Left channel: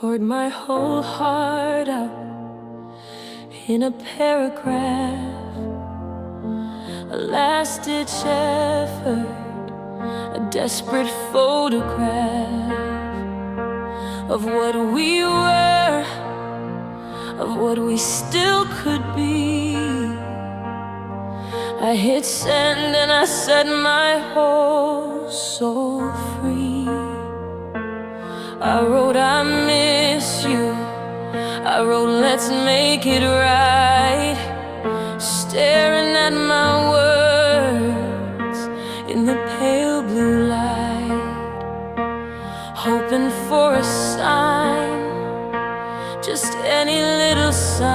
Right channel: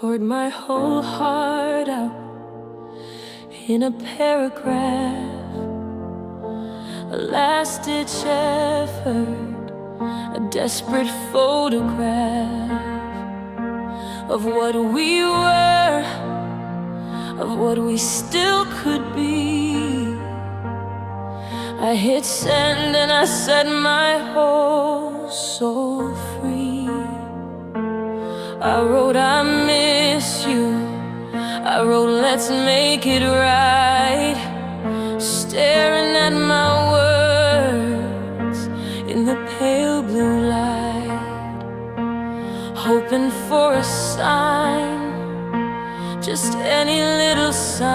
poured my whole heart out in a paragraph, a last-ditch effort, a desperate photograph of what we were, of what we still could be. I hit send and I set my whole soul free. I wrote I miss you, I wrote let's make it right, staring at my words in the pale blue light, hoping for a sign, just any little sign.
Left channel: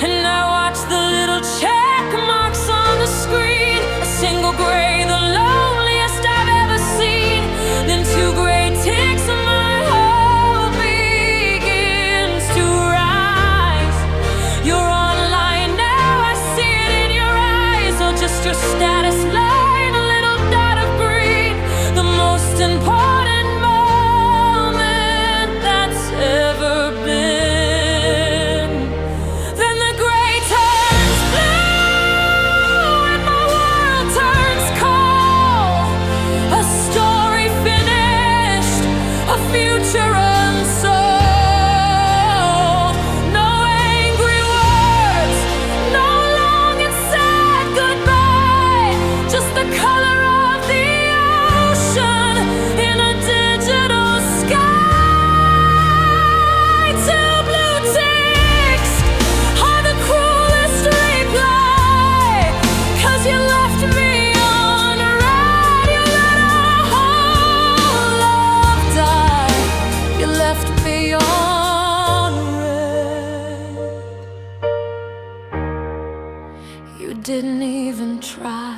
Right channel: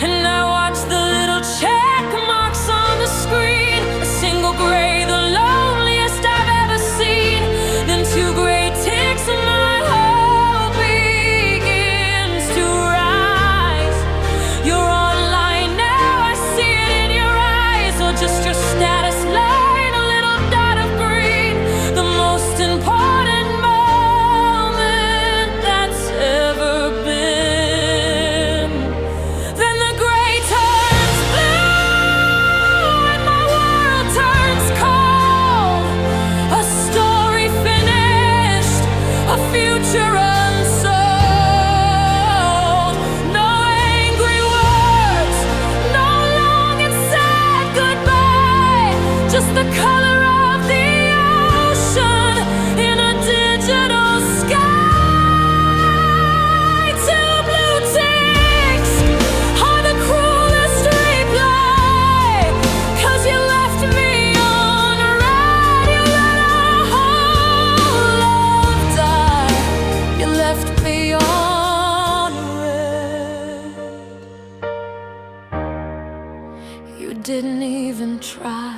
And I watched the little check marks on the screen, a single gray, the loneliest I've ever seen, then two gray ticks and my hope begins to rise. You're online now, I see it in your eyes, or just your status line, a little dot of green, the most important moment that's ever been. Then the gray turns blue and my world turns cold, a story finished, a future unsold. No angry words, no long and sad goodbye, just the color of the ocean in a digital sky. Two blue ticks are the cruelest reply, 'cause you left me on red, you let our whole love die. You left me on red. You didn't even try.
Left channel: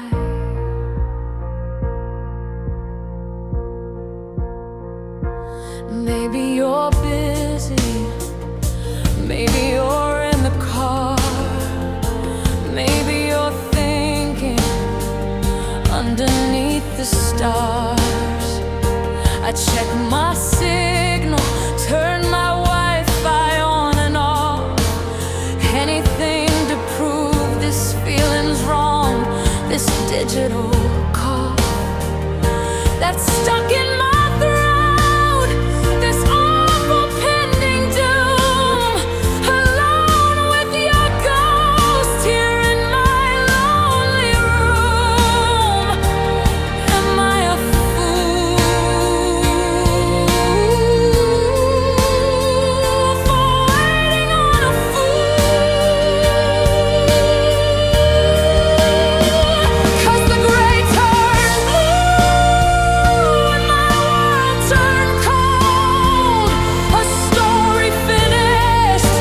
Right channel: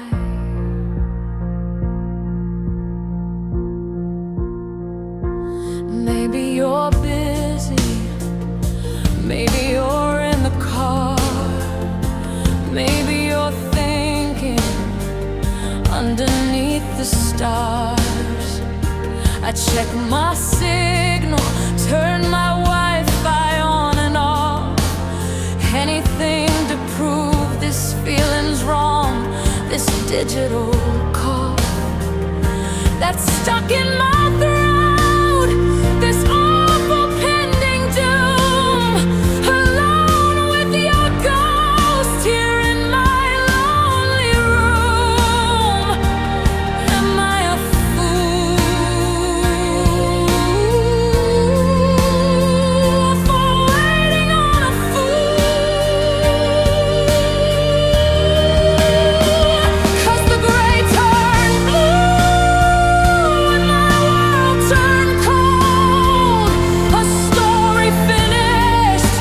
Maybe you're busy, maybe you're in the car, maybe you're thinking underneath the stars. I check my signal, turn my Wi-Fi on and off, anything to prove this feeling's wrong, this digital cough that's stuck in my throat, this awful pending doom, alone with your ghost here in my lonely room. Am I a fool for waiting on a fool? 'Cause the gray turned blue and my world turned cold, a story finished,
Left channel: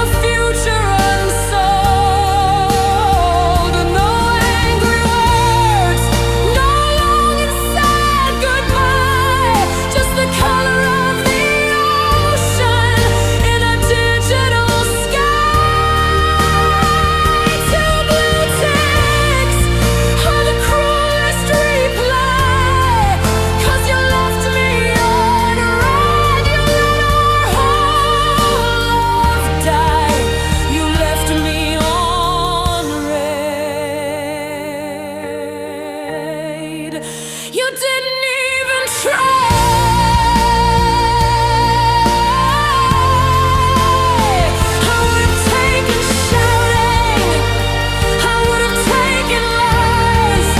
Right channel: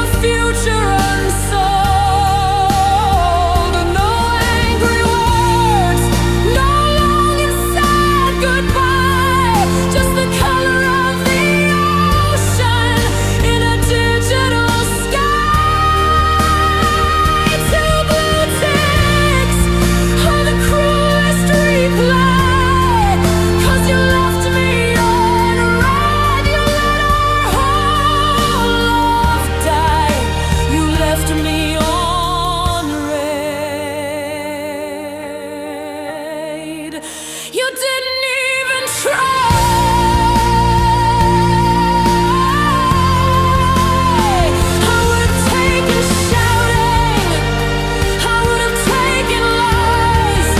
a future unsold. No angry words, no long and sad goodbye, just the color of the ocean in a digital sky. Two blue ticks are the cruelest reply, 'cause you left me on red, you let our whole love die. You left me on red. You didn't even try. I would have taken shouting, I would have taken lies,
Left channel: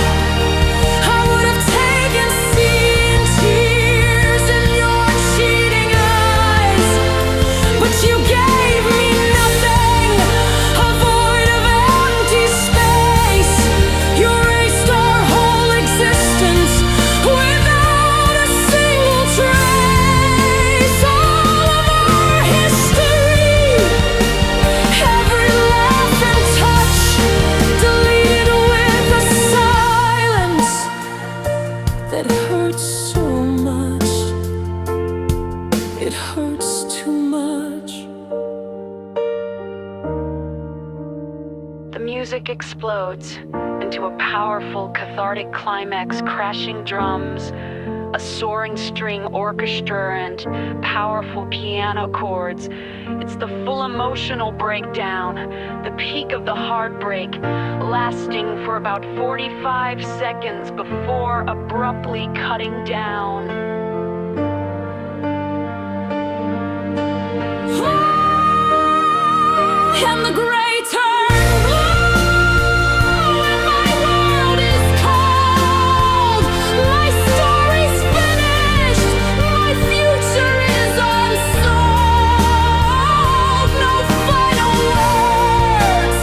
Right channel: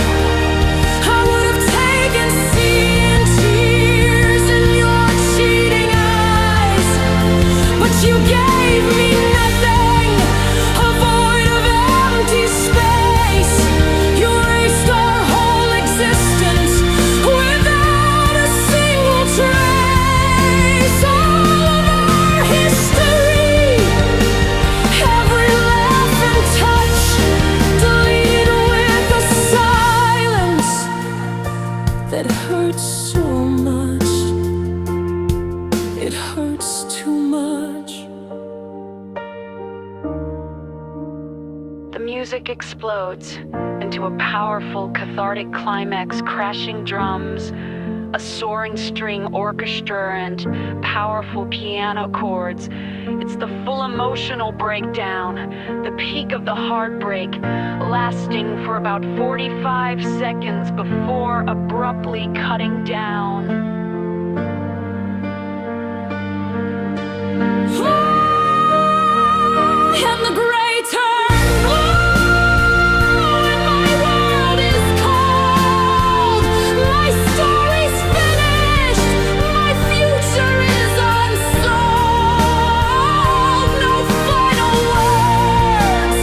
I would have taken seeing tears in your cheating eyes, but you gave me nothing, a void of empty space. You erased our whole existence without a single trace. All of our history, every laugh and touch, deleted with a silence that hurts so much. It hurts too much. The music explodes. into a powerful, cathartic climax, crashing drums, a soaring string orchestra, and powerful piano chords. It's the full emotional breakdown, the peak of the heartbreak, lasting for about 45 seconds before abruptly cutting down. And the gray turn blue, and my world is cold. My story's finished, my future is unsolved. No final words,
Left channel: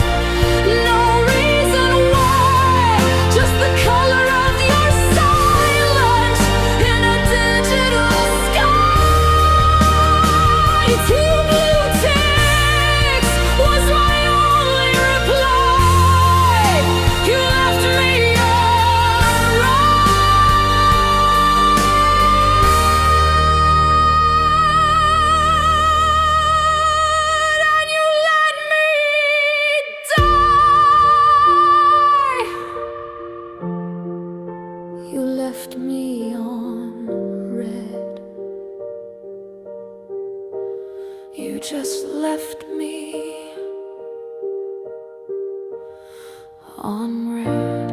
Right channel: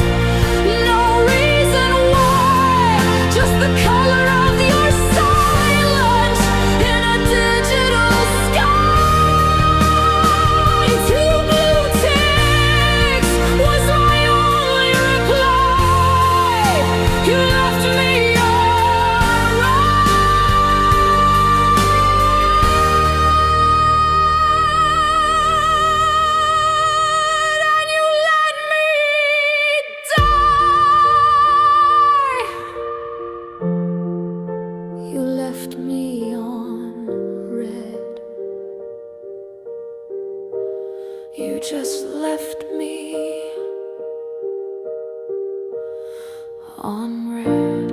no reason why, just the color of your silence in a digital sky. Two blue ticks was my only reply. You left me on red, and you let me die. You left me on red. You just left me on red.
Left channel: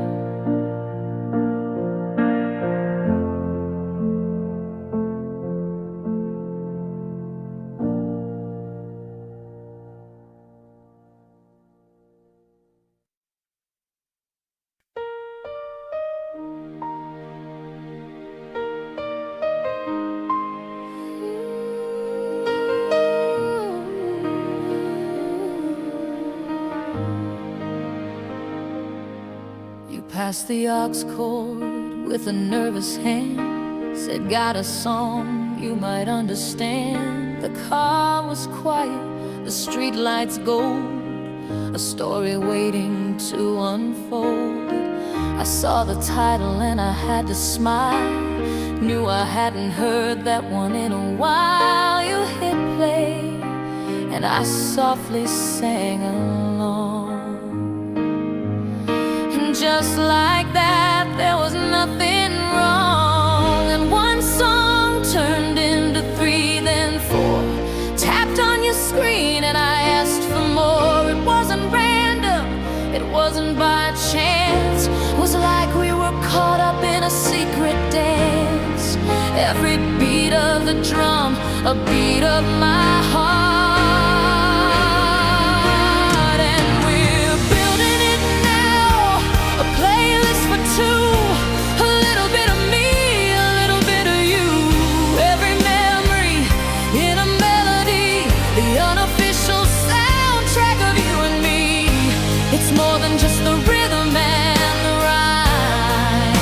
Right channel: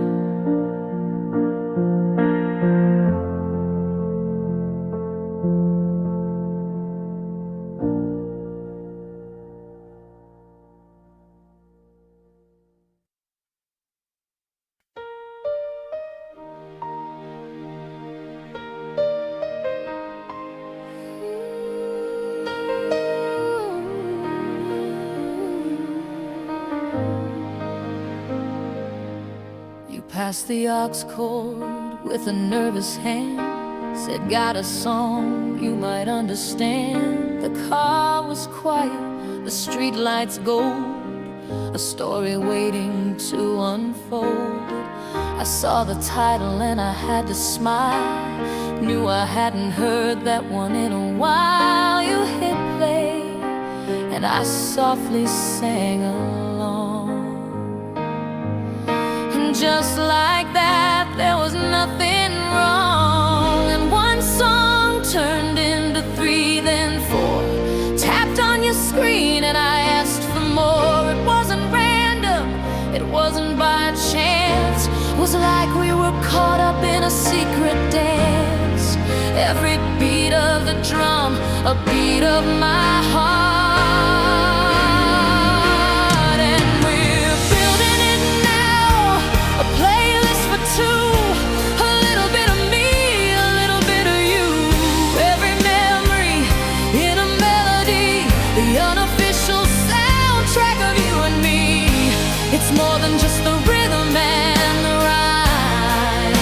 You passed the aux chord with a nervous hand, said got a song you might understand. The car was quiet, the street lights gold, a story waiting to unfold. I saw the title and I had to smile, knew I hadn't heard that one in a while. You hit play and I softly sang along. Just like that, there was nothing wrong. And one song turned into three, then four. Tapped on your screen and I asked for more. It wasn't random, it wasn't by chance. It was like we were caught up in a secret dance. Every beat of the drum, a beat of my heart. A playlist for two, a little bit of me, a little bit of you. Every memory in a melody, the unofficial soundtrack of you and me. It's more than just the rhythm and the rhyme.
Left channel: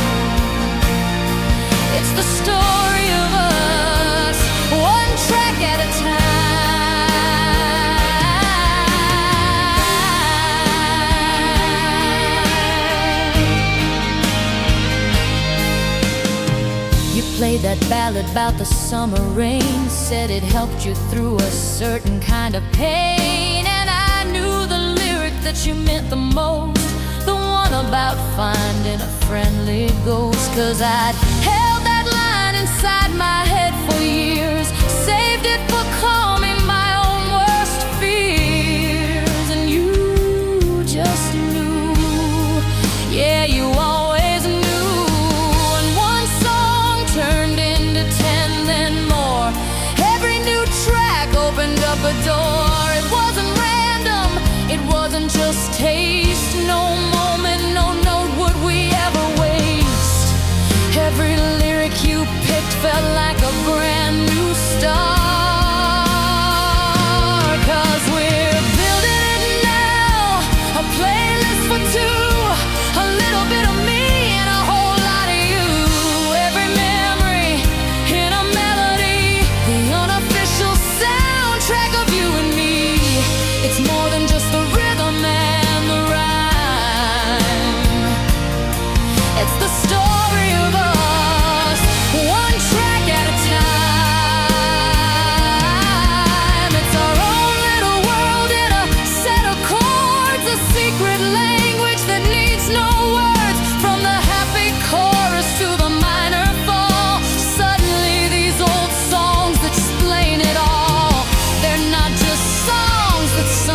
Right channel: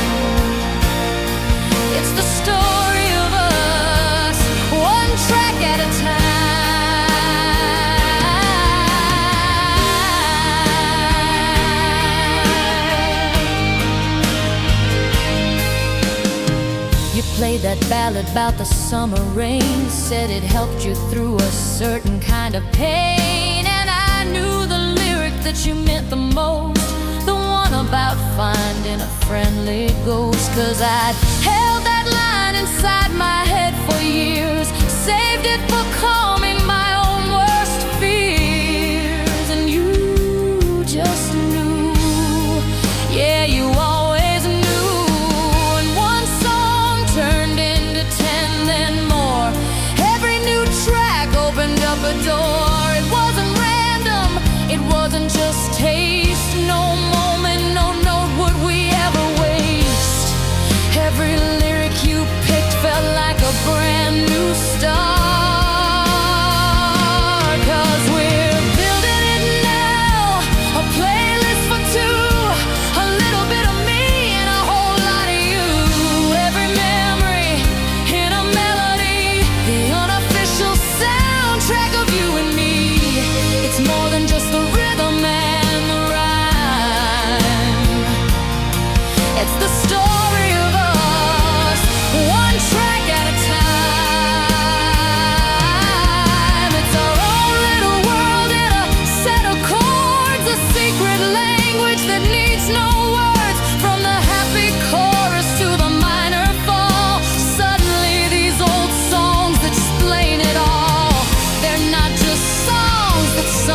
It's the story of us, one track at a time. You played that ballad about the summer rain, said it helped you through a certain kind of pain. And I knew the lyric that you meant the most, the one about finding a friendly ghost. 'Cause I'd held that line inside my head for years, saved it for calming my own worst fears. And you just knew, yeah, you always knew. Turned into 10, then more. Every new track opened up a door. It wasn't random, it wasn't just taste. No moment, no note would we ever waste. Every lyric you picked felt like a brand new start. 'Cause we're building it now, a playlist for two, a little bit of me and a whole lot of you. Every in a melody, the unofficial soundtrack of you and me. It's more than just the rhythm and the rhyme. It's the story of us, one track at a time. It's our own little world in a set of chords, a secret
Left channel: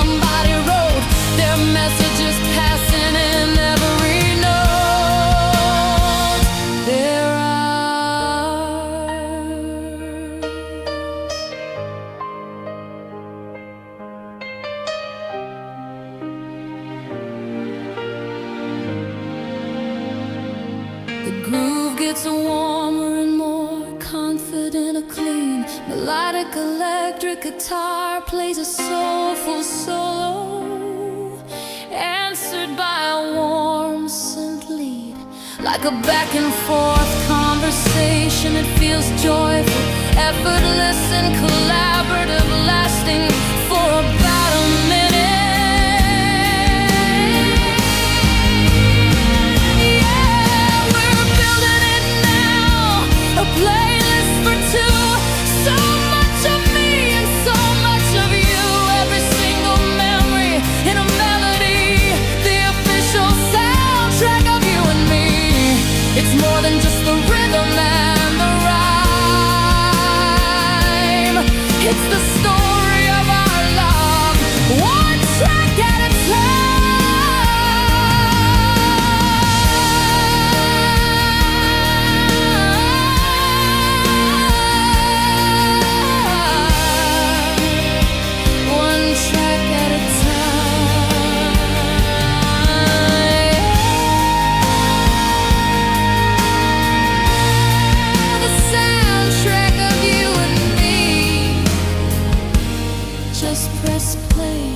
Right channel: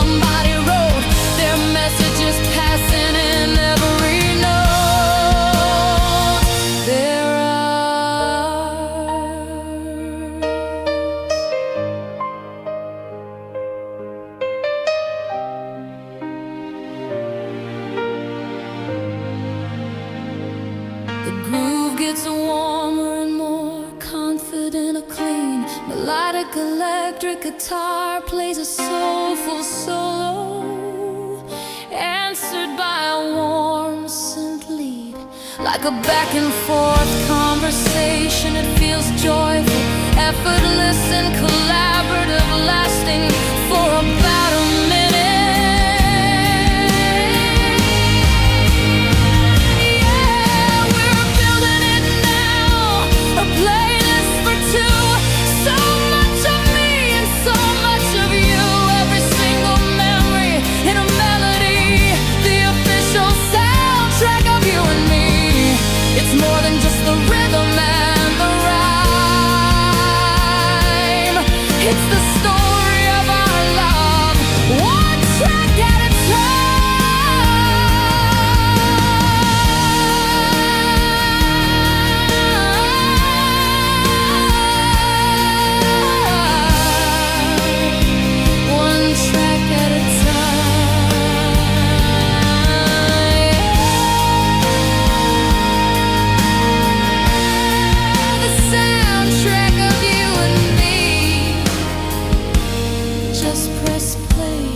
somebody wrote. Their messages passing in every note. There the groove gets warmer and more confident, a clean melodic electric guitar plays a soulful solo, answered by a warm synth lead. Like a back and forth conversation, it feels joyful, effortless and collaborative, lasting for about a minute. A playlist for two, so much of me and so much of you. Every single memory in a melody, the official soundtrack of you and me. It's more than just the rhythm and the rhyme. It's the story of our love, one track at a time. Just press play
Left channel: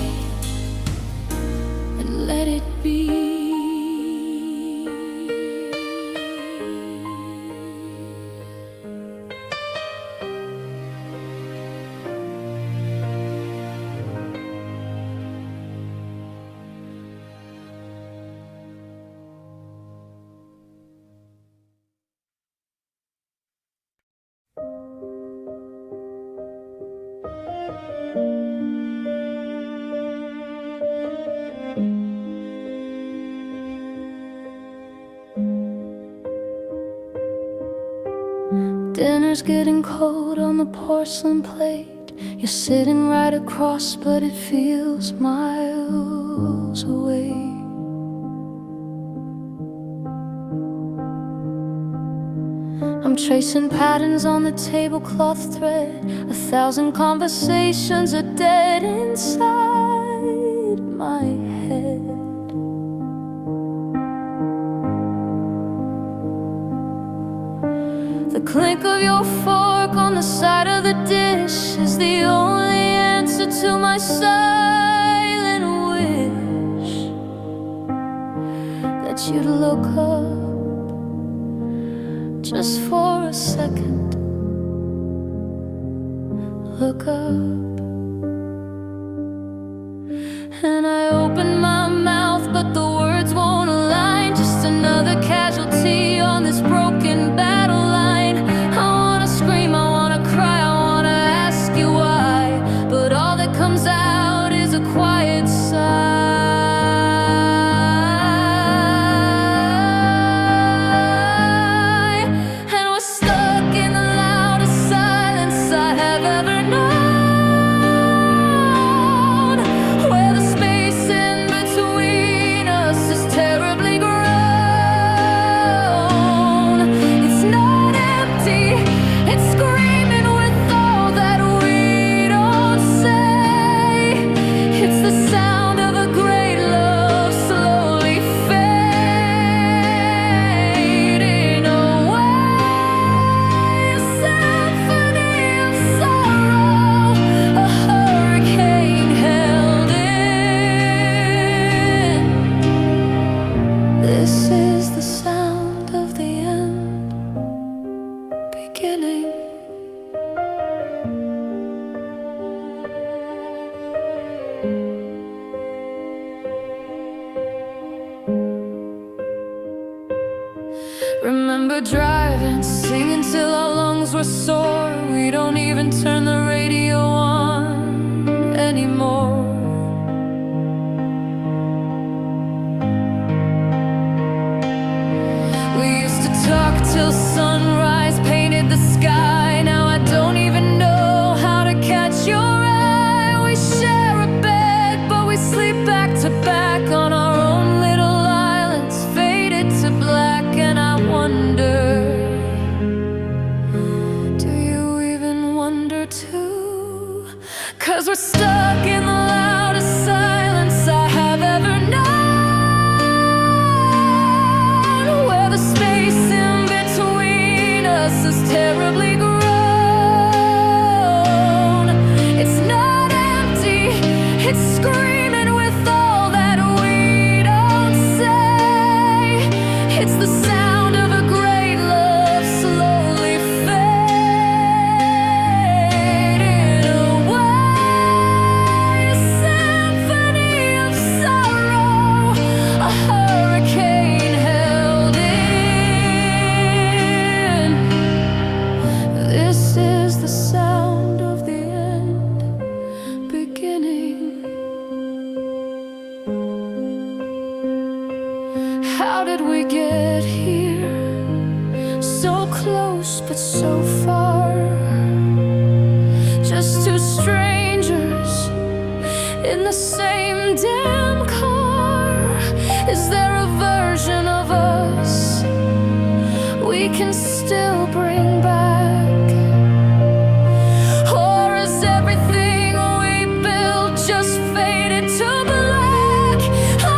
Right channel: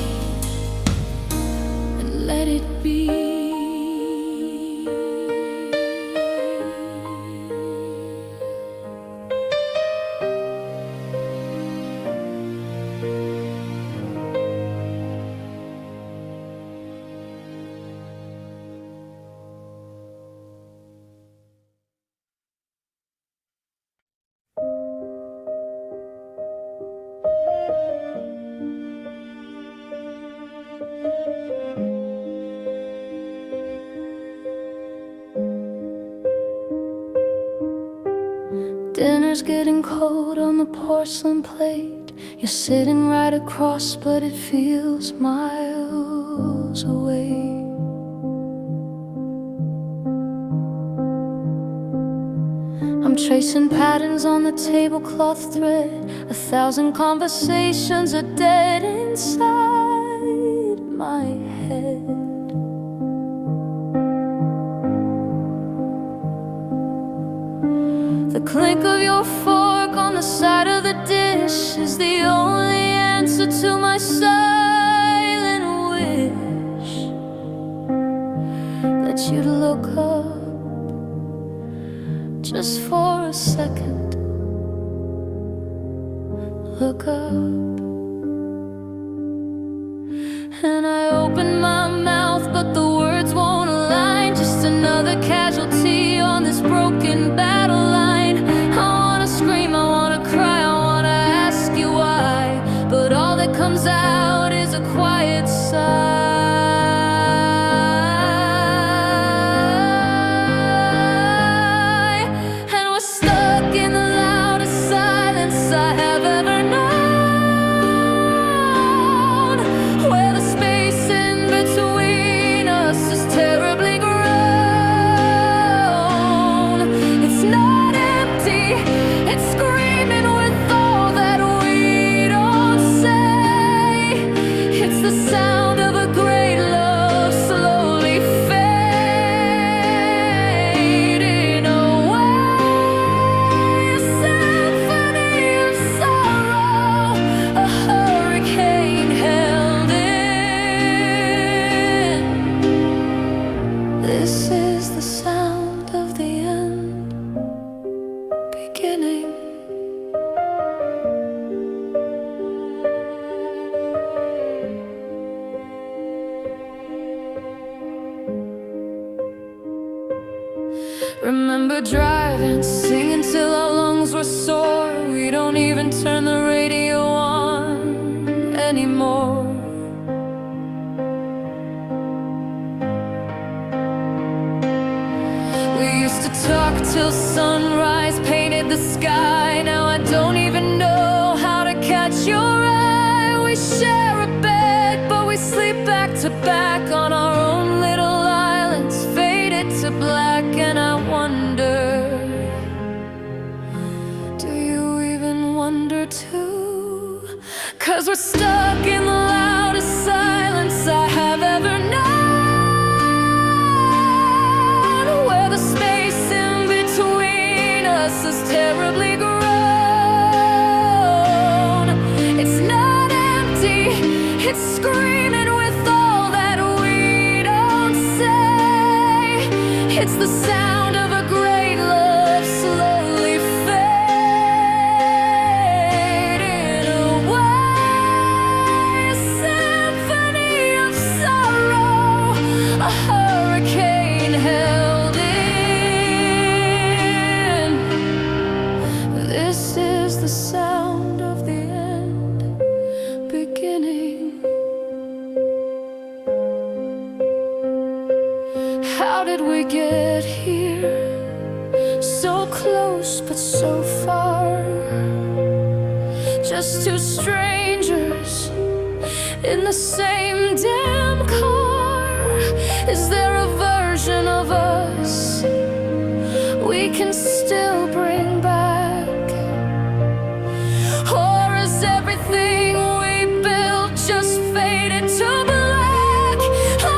and let it be. Dinner's getting cold on the porcelain plate. You're sitting right across, but it feels miles away. I'm tracing patterns on the tablecloth thread. 1,000 conversations are dead inside my head. The clink of your fork on the side of the dish is the only answer to my silent wish that you'd look up just for a second. Look up. And I open my mouth, but the words won't align. Just another casualty on this broken battle line. I wanna scream, I wanna cry, I wanna ask you why, but all that comes out is a quiet sigh. And we're stuck in the loudest silence I have ever known, where the space in between us is terribly grown. It's not empty, it's screaming with all that we don't say. It's the sound of a great love slowly fading away. A symphony of sorrow, a hurricane held in. This is the sound of the end beginning. Remember driving, singing till our lungs were sore. We don't even turn the radio on anymore. We used to talk till sunrise painted the sky. Now I don't even know how to catch your eye. We share a bed, but to back on our own little islands, faded to black. And I wonder, do you even wonder too? 'Cause we're stuck in the loudest silence I have ever known, where the space in between us is terribly grown. It's not empty, it's screaming with all that we don't say. It's the sound of a great love slowly fading away. A symphony of sorrow, a hurricane held in. This is the sound of the end beginning. How did we get here? So close but so far. Just two strangers in the same damn car. Is there a version of us we can still bring back? Or is everything we built just faded to black?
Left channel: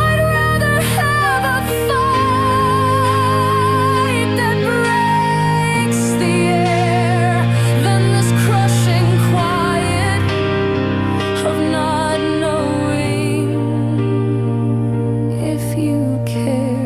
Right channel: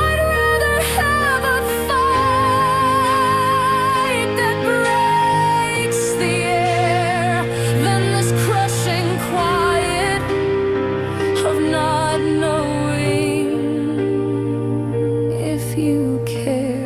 I'd rather have a fight that breaks the air than this crushing quiet of not knowing if you care.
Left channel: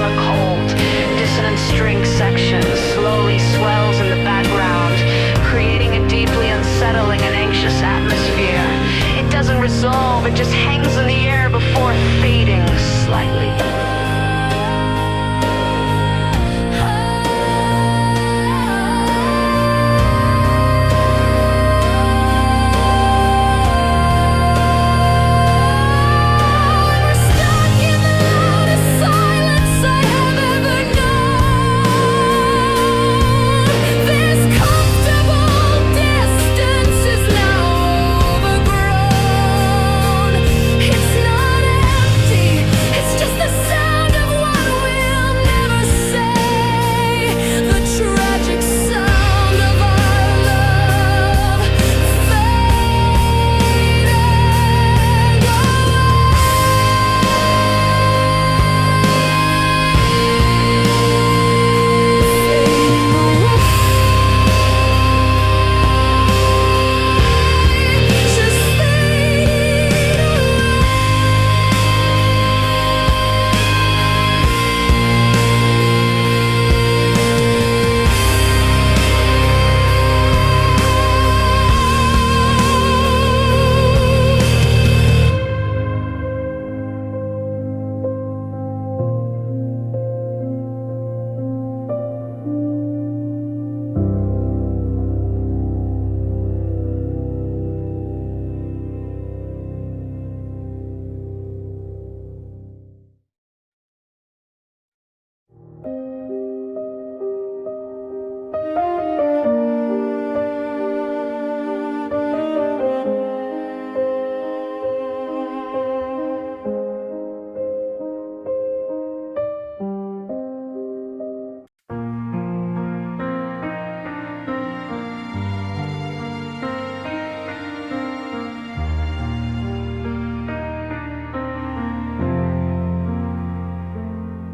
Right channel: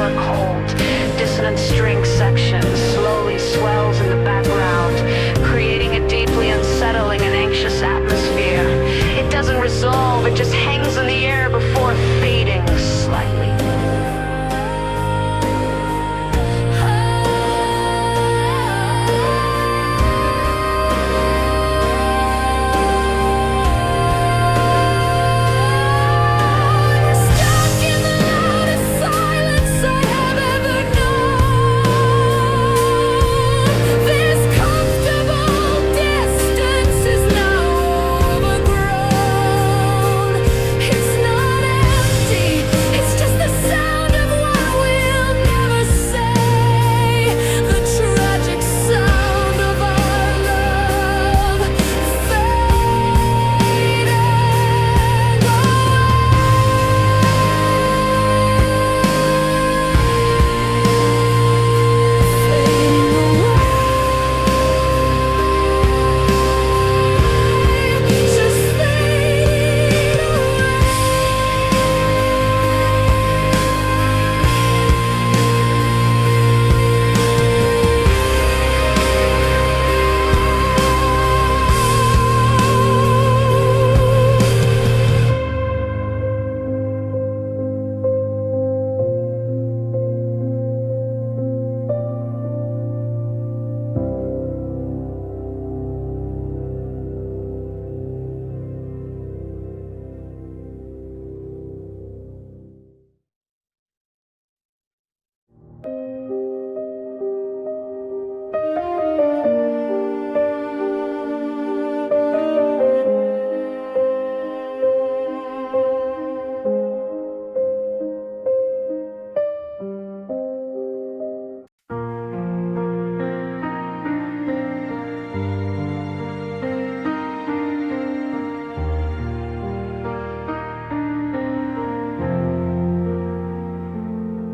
Or cold, dissonant string section slowly swells in the background, creating a deeply unsettling and anxious atmosphere. It doesn't resolve, it just hangs in the air before fading slightly.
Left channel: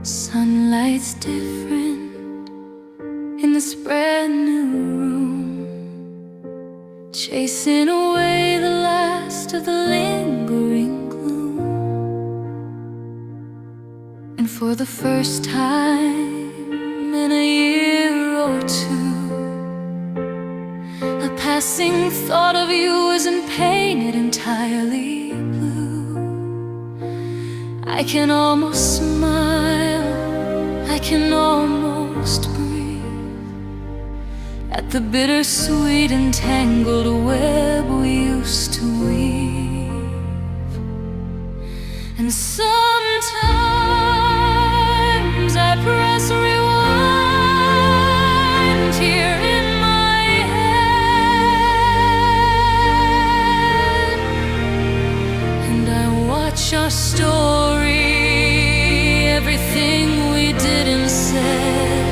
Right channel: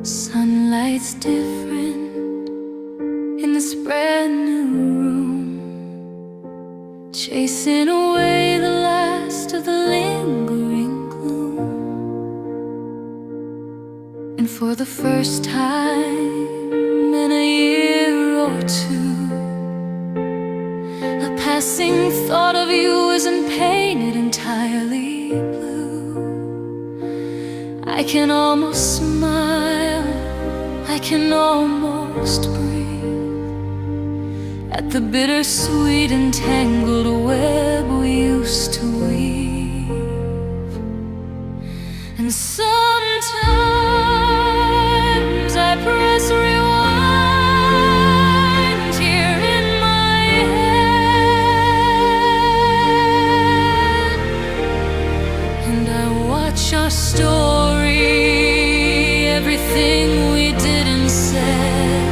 Sunlight's different in this brand new room, chasing away the last of the lingering gloom. And for the first time in a year or two, passing thought of you isn't painted entirely blue. I can almost smile, I can almost breathe at the bittersweet and tangled web we used to weave. And sometimes I press rewind here in my head, and I watch our story, everything we did and said.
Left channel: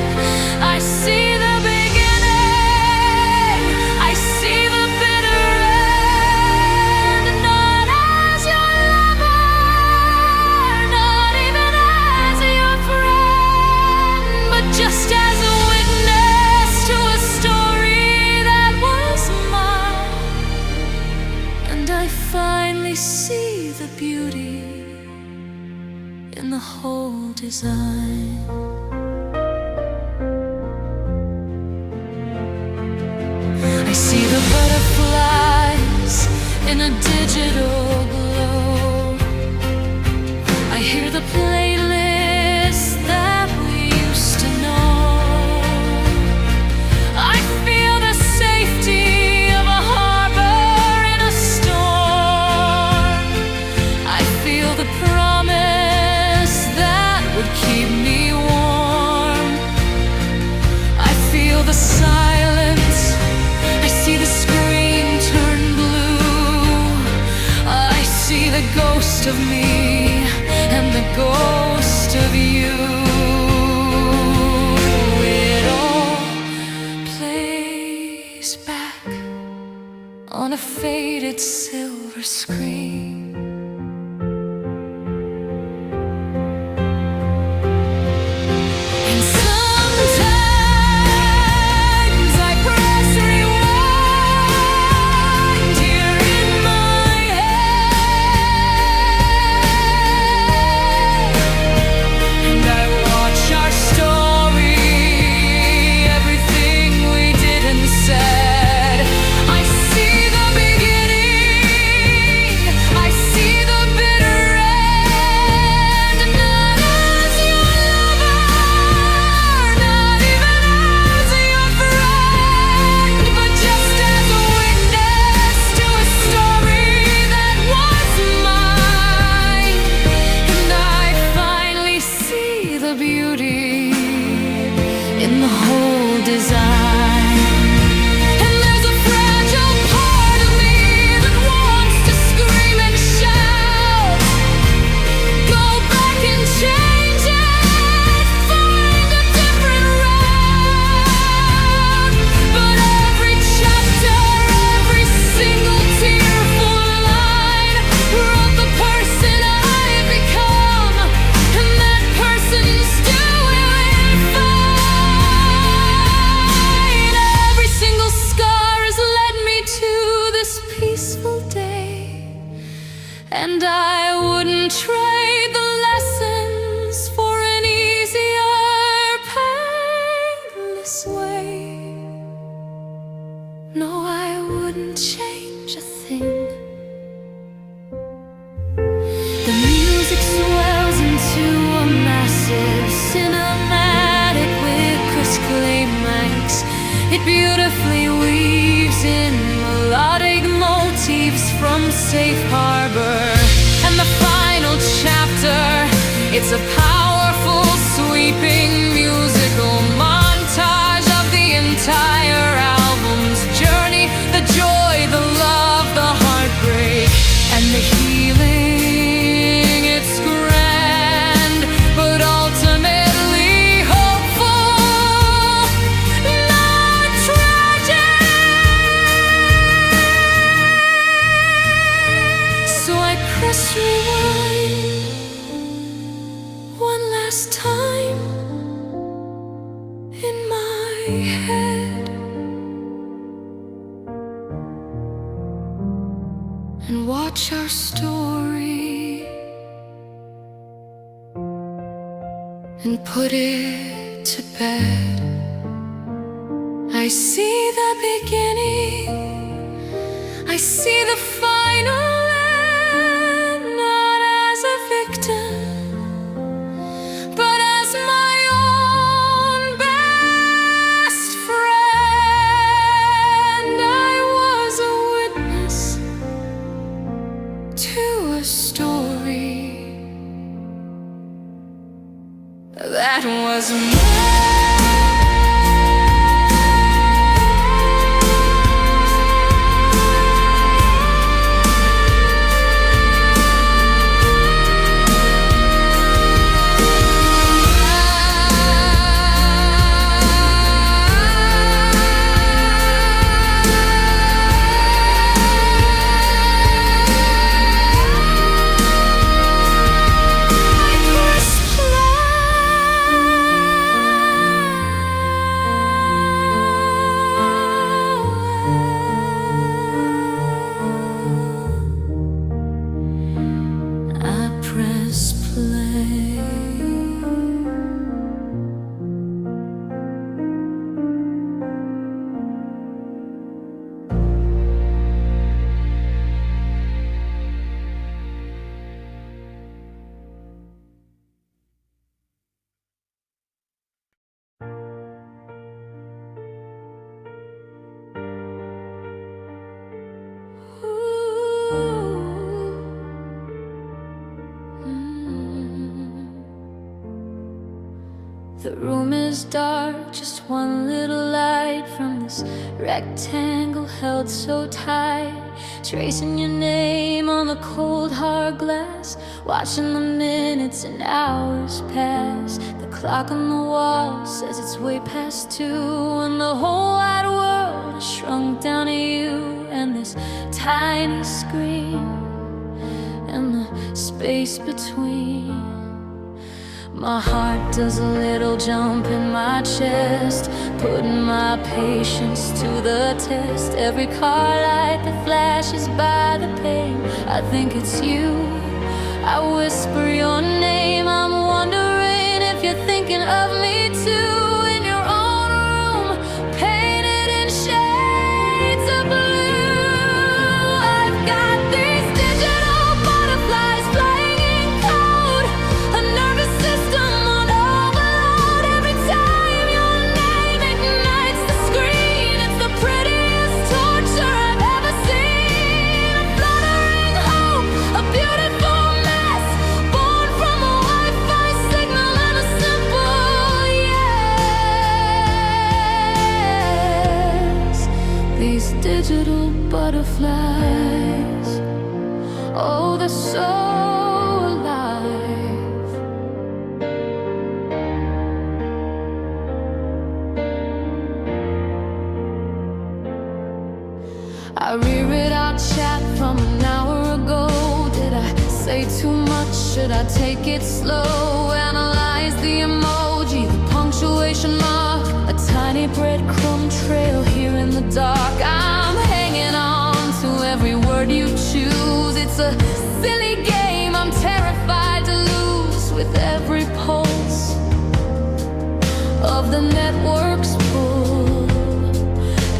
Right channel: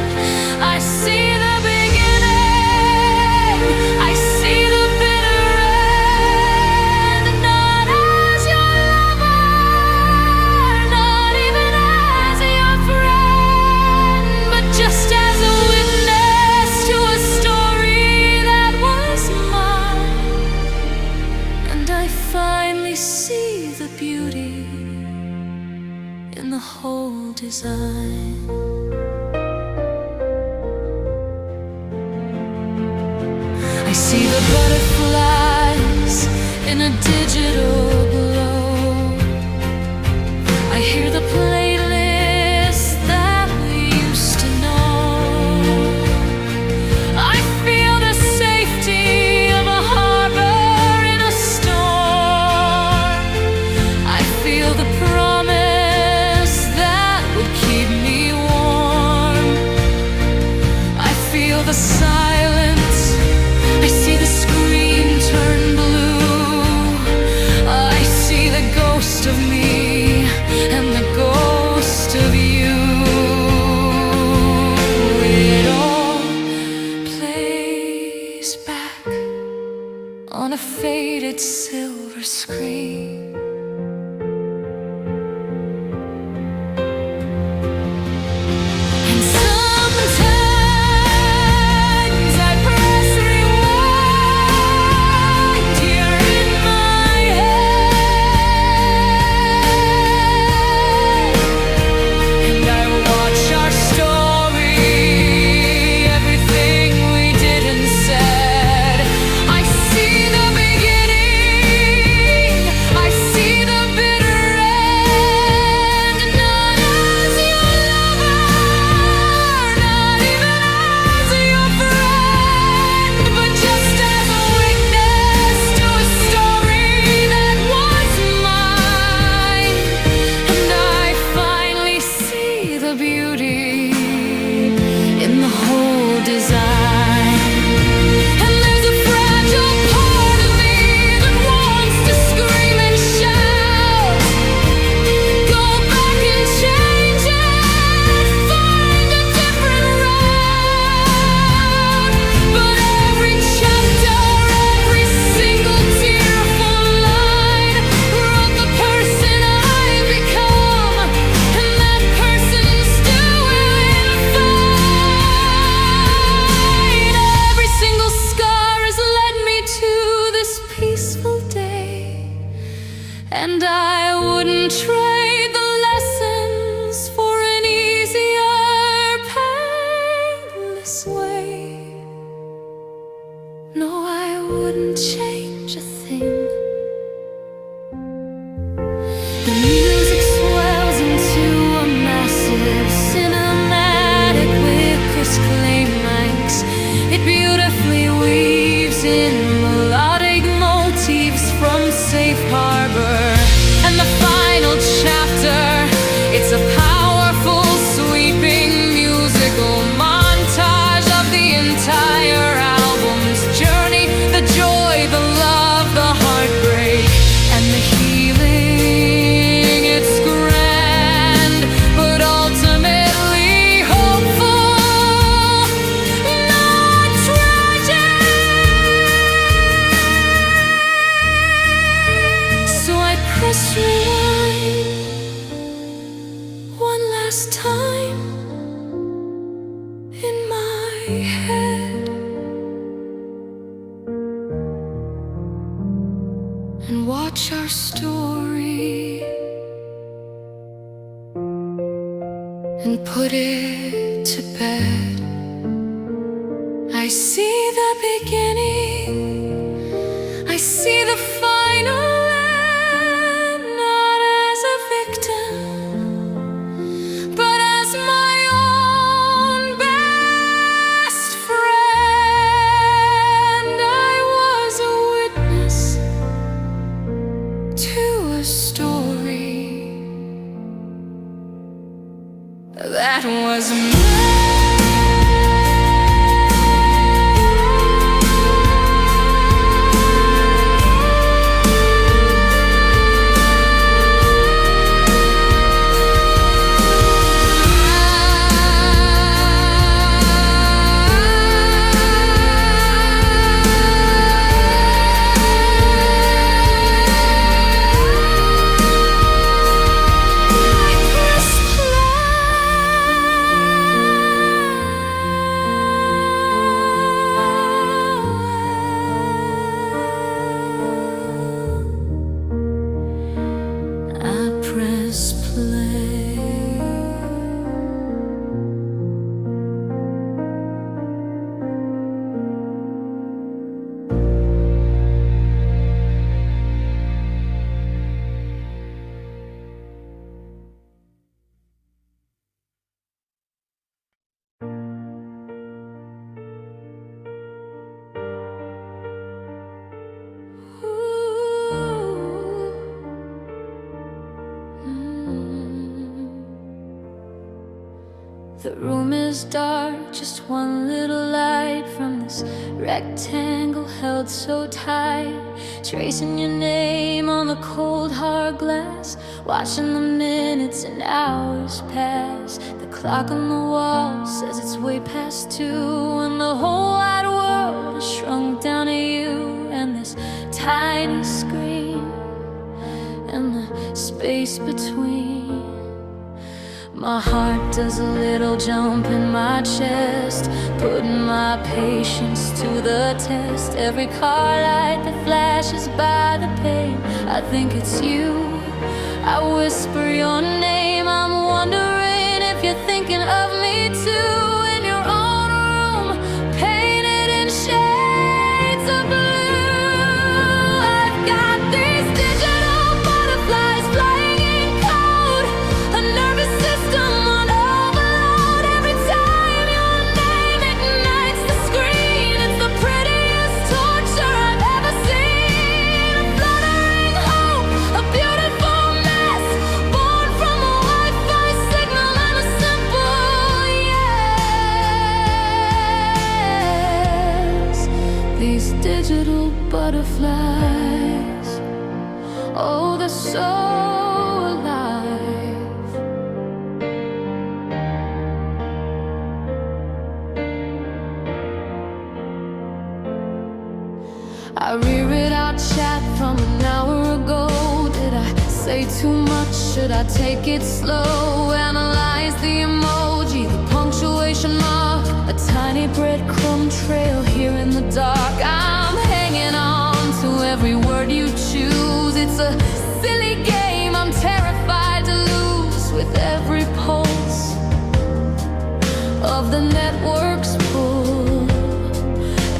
I see the beginning, I see the bitter end, not as your lover, not even as your friend, but just as a witness to a story that was mine. And I finally see the beauty in the whole design. I see the butterflies in a digital glow. I hear the playlist that we used to know. I feel the safety of a harbor in a storm. I feel the promise that would keep me warm. I feel the silence, I see the screen turn blue. I see the ghost of me and the ghost of you. It all plays back on a faded silver screen. And sometimes I press rewind here in my head, and I watch our story, everything we did and said. I see the beginning, I see the bitter end, not as your lover, not even as your friend, but just as a witness to a story that was mine. And I finally see the beauty in the whole design. And there's a fragile part of me that wants to scream and shout, go back and change it, find a different route. But every chapter, every single tearful line wrote the person I've become, and that person's doing fine. Every single scar has led me to this peaceful day, and I wouldn't trade the lessons for an easier, painless way. No, I wouldn't change a thing. The music swells into a massive cinematic with crisp climax. It beautifully weaves in melodic motifs from Safe Harbor. And the final chapter, it's a powerful, sweeping musical montage of the entire album's journey. The joy, the love, the heartbreak, and the healing. It's grand, but ultimately hopeful, not tragic. So I press rewind one last time in my head, and watch our story and put it to bed. I see the beginning, I see the final end, not as a victim, but as my own best friend. I was a witness to a story that was mine. Press play. The room is dark, just one little light from this rectangle held so tight. Tracing your name on the cold hard glass, watching the minutes and hours pass. The clock on the wall says it's way past 2, and the whole wide world has shrunk down to you and this tiny screen and the space between. My heart does a little jump in my chest, putting my patience to the test. Every car light that flashes by the pane, I think it's you. I whisper your name, I'm wondering if you're thinking of me too. In your own room, painted in shades of blue, I've got these digital butterflies flying in code, a nervous system on overload. Every time your name ignites the screen, it's the prettiest torture I've ever seen. A fluttering hope, a beautiful mess, born from a Wi-Fi signal and a simple yes. These digital butterflies, oh, they're so alive. I reread our chat from an hour ago. Did I say too much? Should I take it slow? Analyze the emoji, the punctuation mark, a tiny breadcrumb trail here in the dark. I'm hanging on to every word you choose. It's a silly game I'm terrified to lose. With every pulse of the network's pull,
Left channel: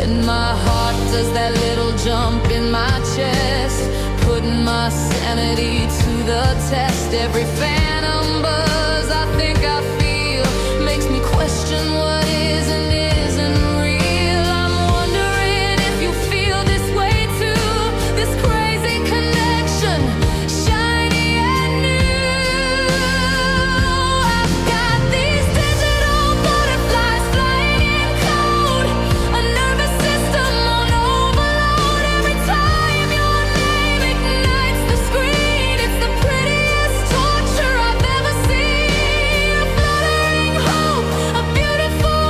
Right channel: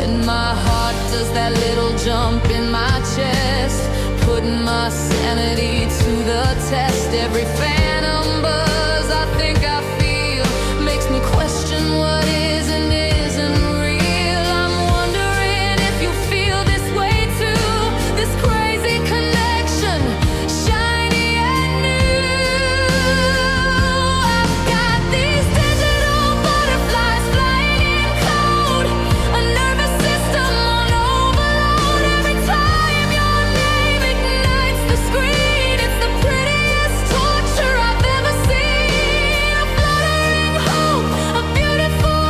and my heart does that little jump in my chest, putting my sanity to the test. Every phantom buzz I think I feel makes me question what is and isn't real. I'm wondering if you feel this way too, this crazy connection, shiny and new. I've got these digital butterflies flying in code, a nervous system on overload. Every time your name ignites the screen, it's the prettiest torture I've ever seen. A fluttering hope, a beautiful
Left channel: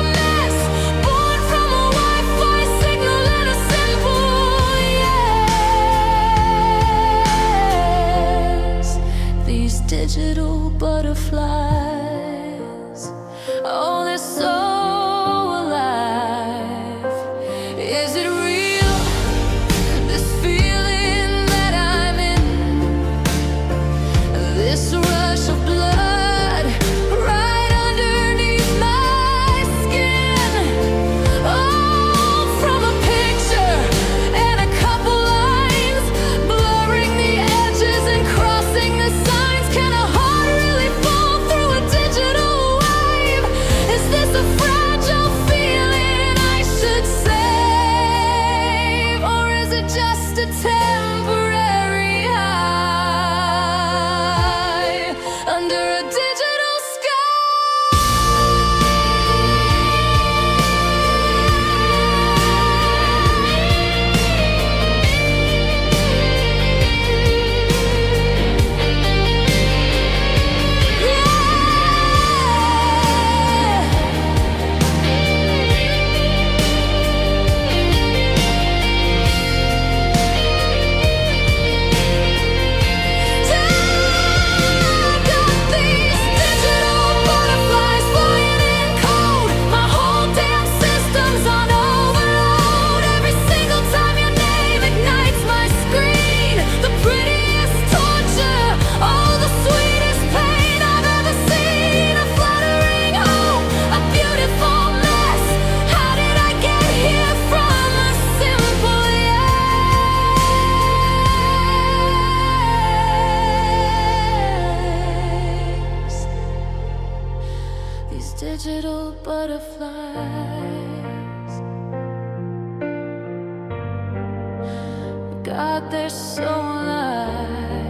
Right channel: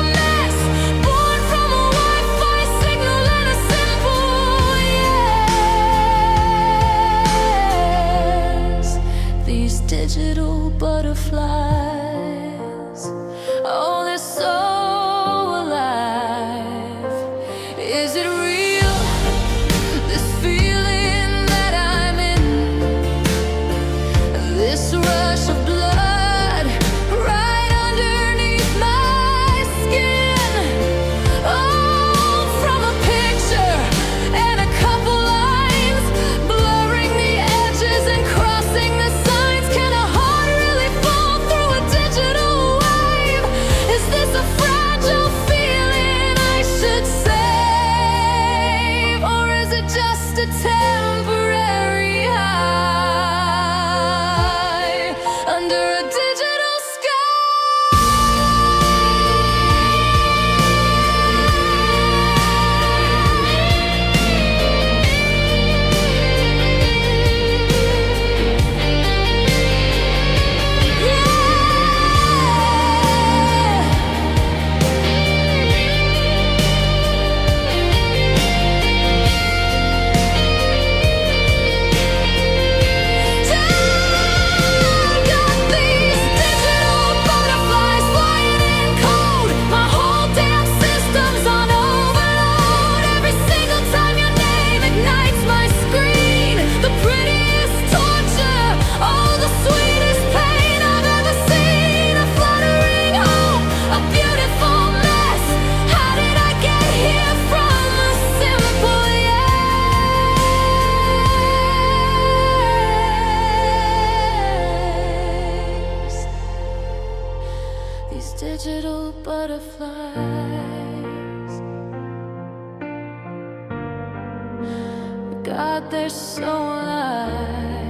God, they're so alive.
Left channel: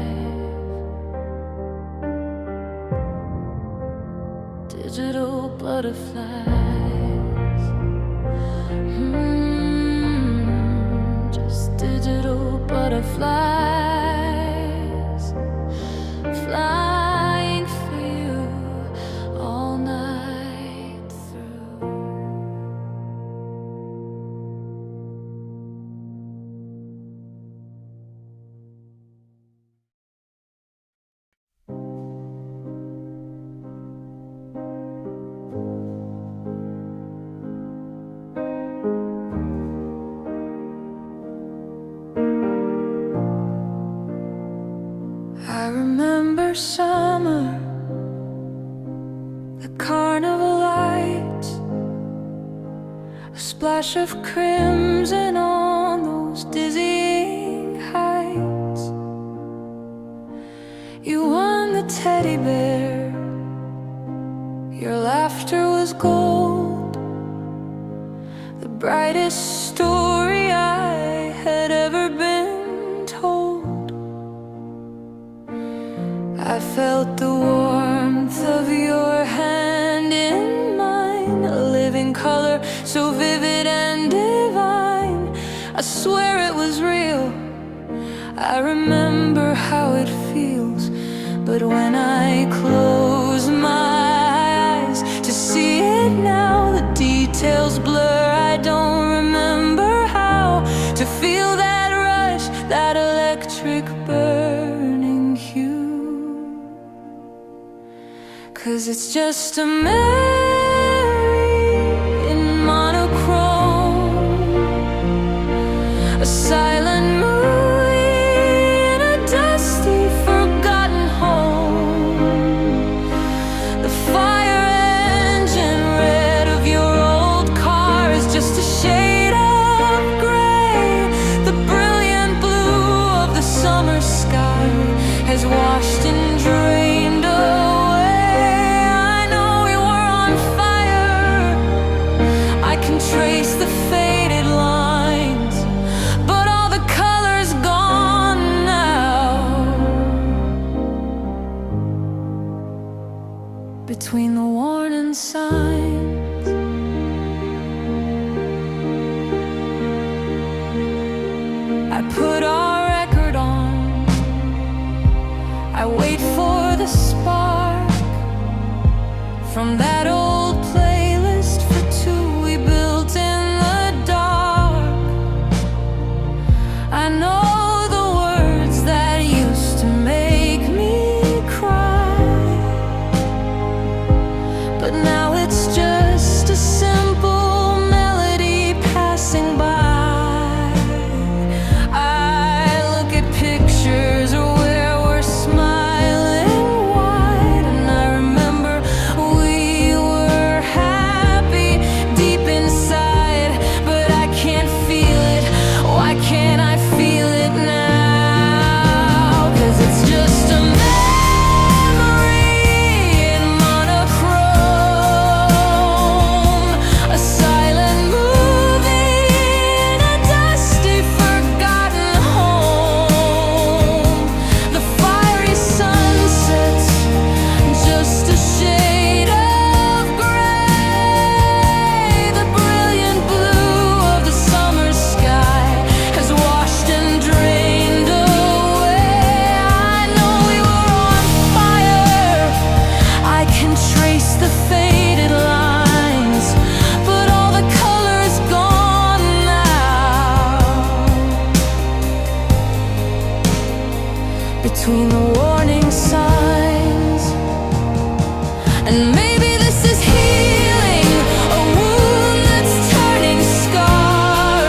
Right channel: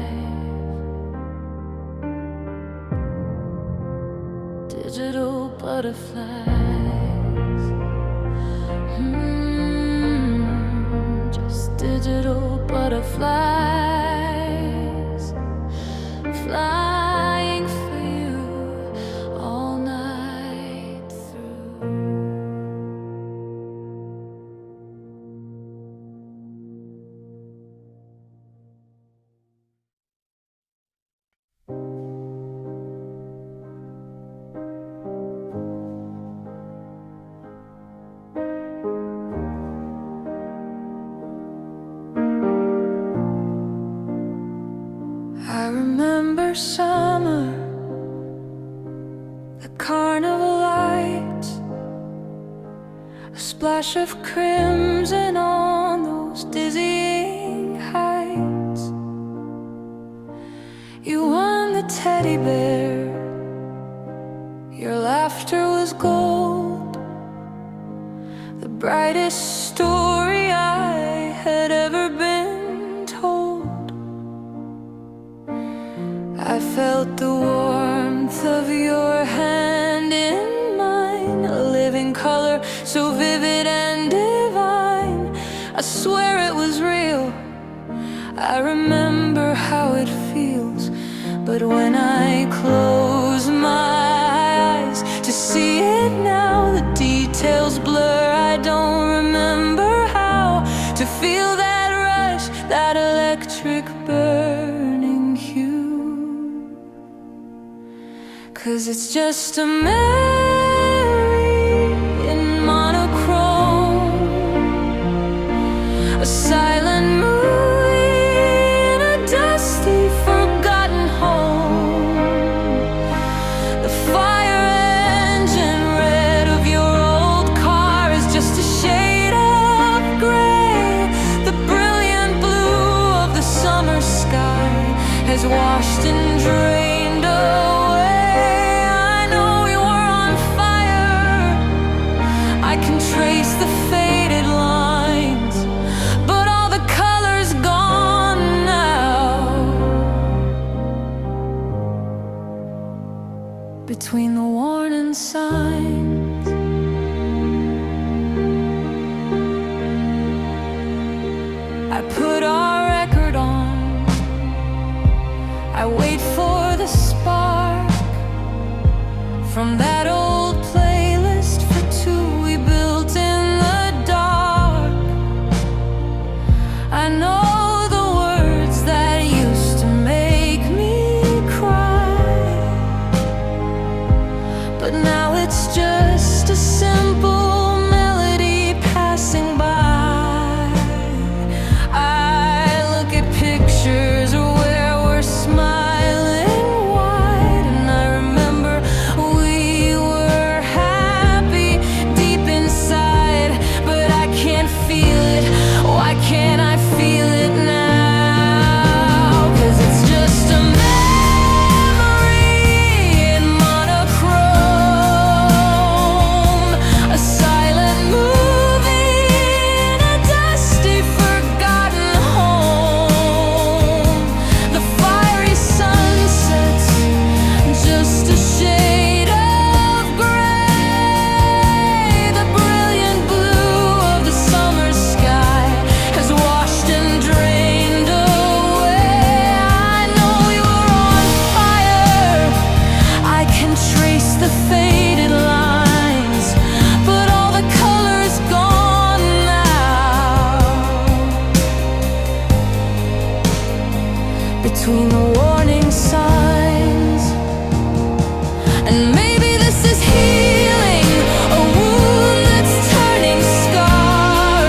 Digital butterflies. Just digital butterflies flying for you all night through. I remember summer, the carnival lights, a splash of crimson on those dizzying heights. You won the teddy bear, your laughter was gold, the brightest story I had ever been told. I felt the warmth of your hand in mine, a living color so vivid and divine. I swear it was real. I remember how it feels, but when I close my eyes to see it now, the details blur. I don't remember how to feel that rush, that electric burning hue. 'Cause it's just a memory in monochrome, a silent movie in a dusty, forgotten home. The fire engine red of your old car is just a shade of gray. The brilliant blue of the summer sky has washed and drained away. Trace the faded lines, but all the color's gone now. Between the warning signs, I put our record on. I wait for the spark from that old playlist for two we built in the dark. I know the words that used to make me cry, but now it's just a simple melody passing by. I look at pictures where we're smiling wide, and I remember we were happy deep inside, but I can't feel it. Why can't I feel it now? 'Cause it's just a memory in monochrome, a silent movie in a dusty, forgotten home. The fiery sunsets, just a shade of gray. The brilliant blue of the summer sky has washed and drained away. I know we were on fire. I can trace the faded lines, but all the color's gone now. Between the warning signs, and maybe this is healing a wound that's turning scar,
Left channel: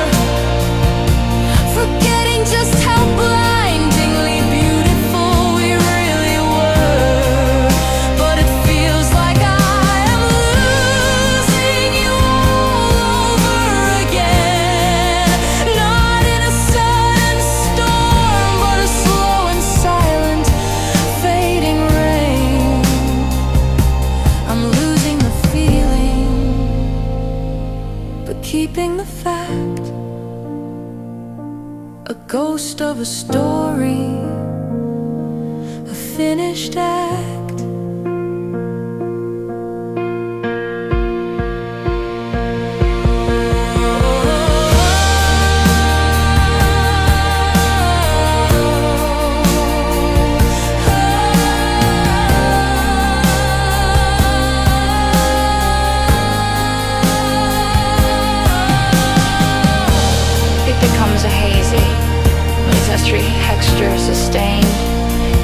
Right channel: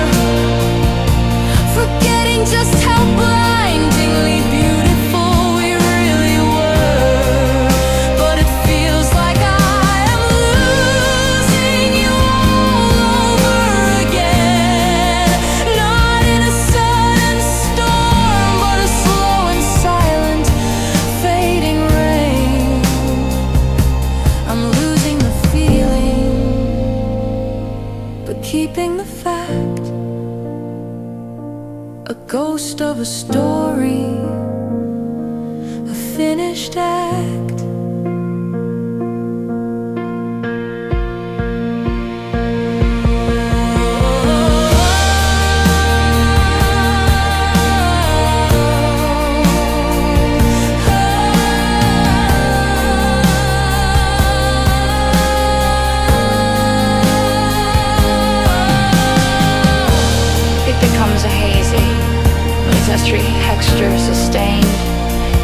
forgetting just how blindingly beautiful we really were. But it feels like I am losing you all over again, not in a sudden storm, but a slow and silent fading rain. I'm losing the feeling, but keeping the fact a ghost of a story, a finished act. Texture sustained,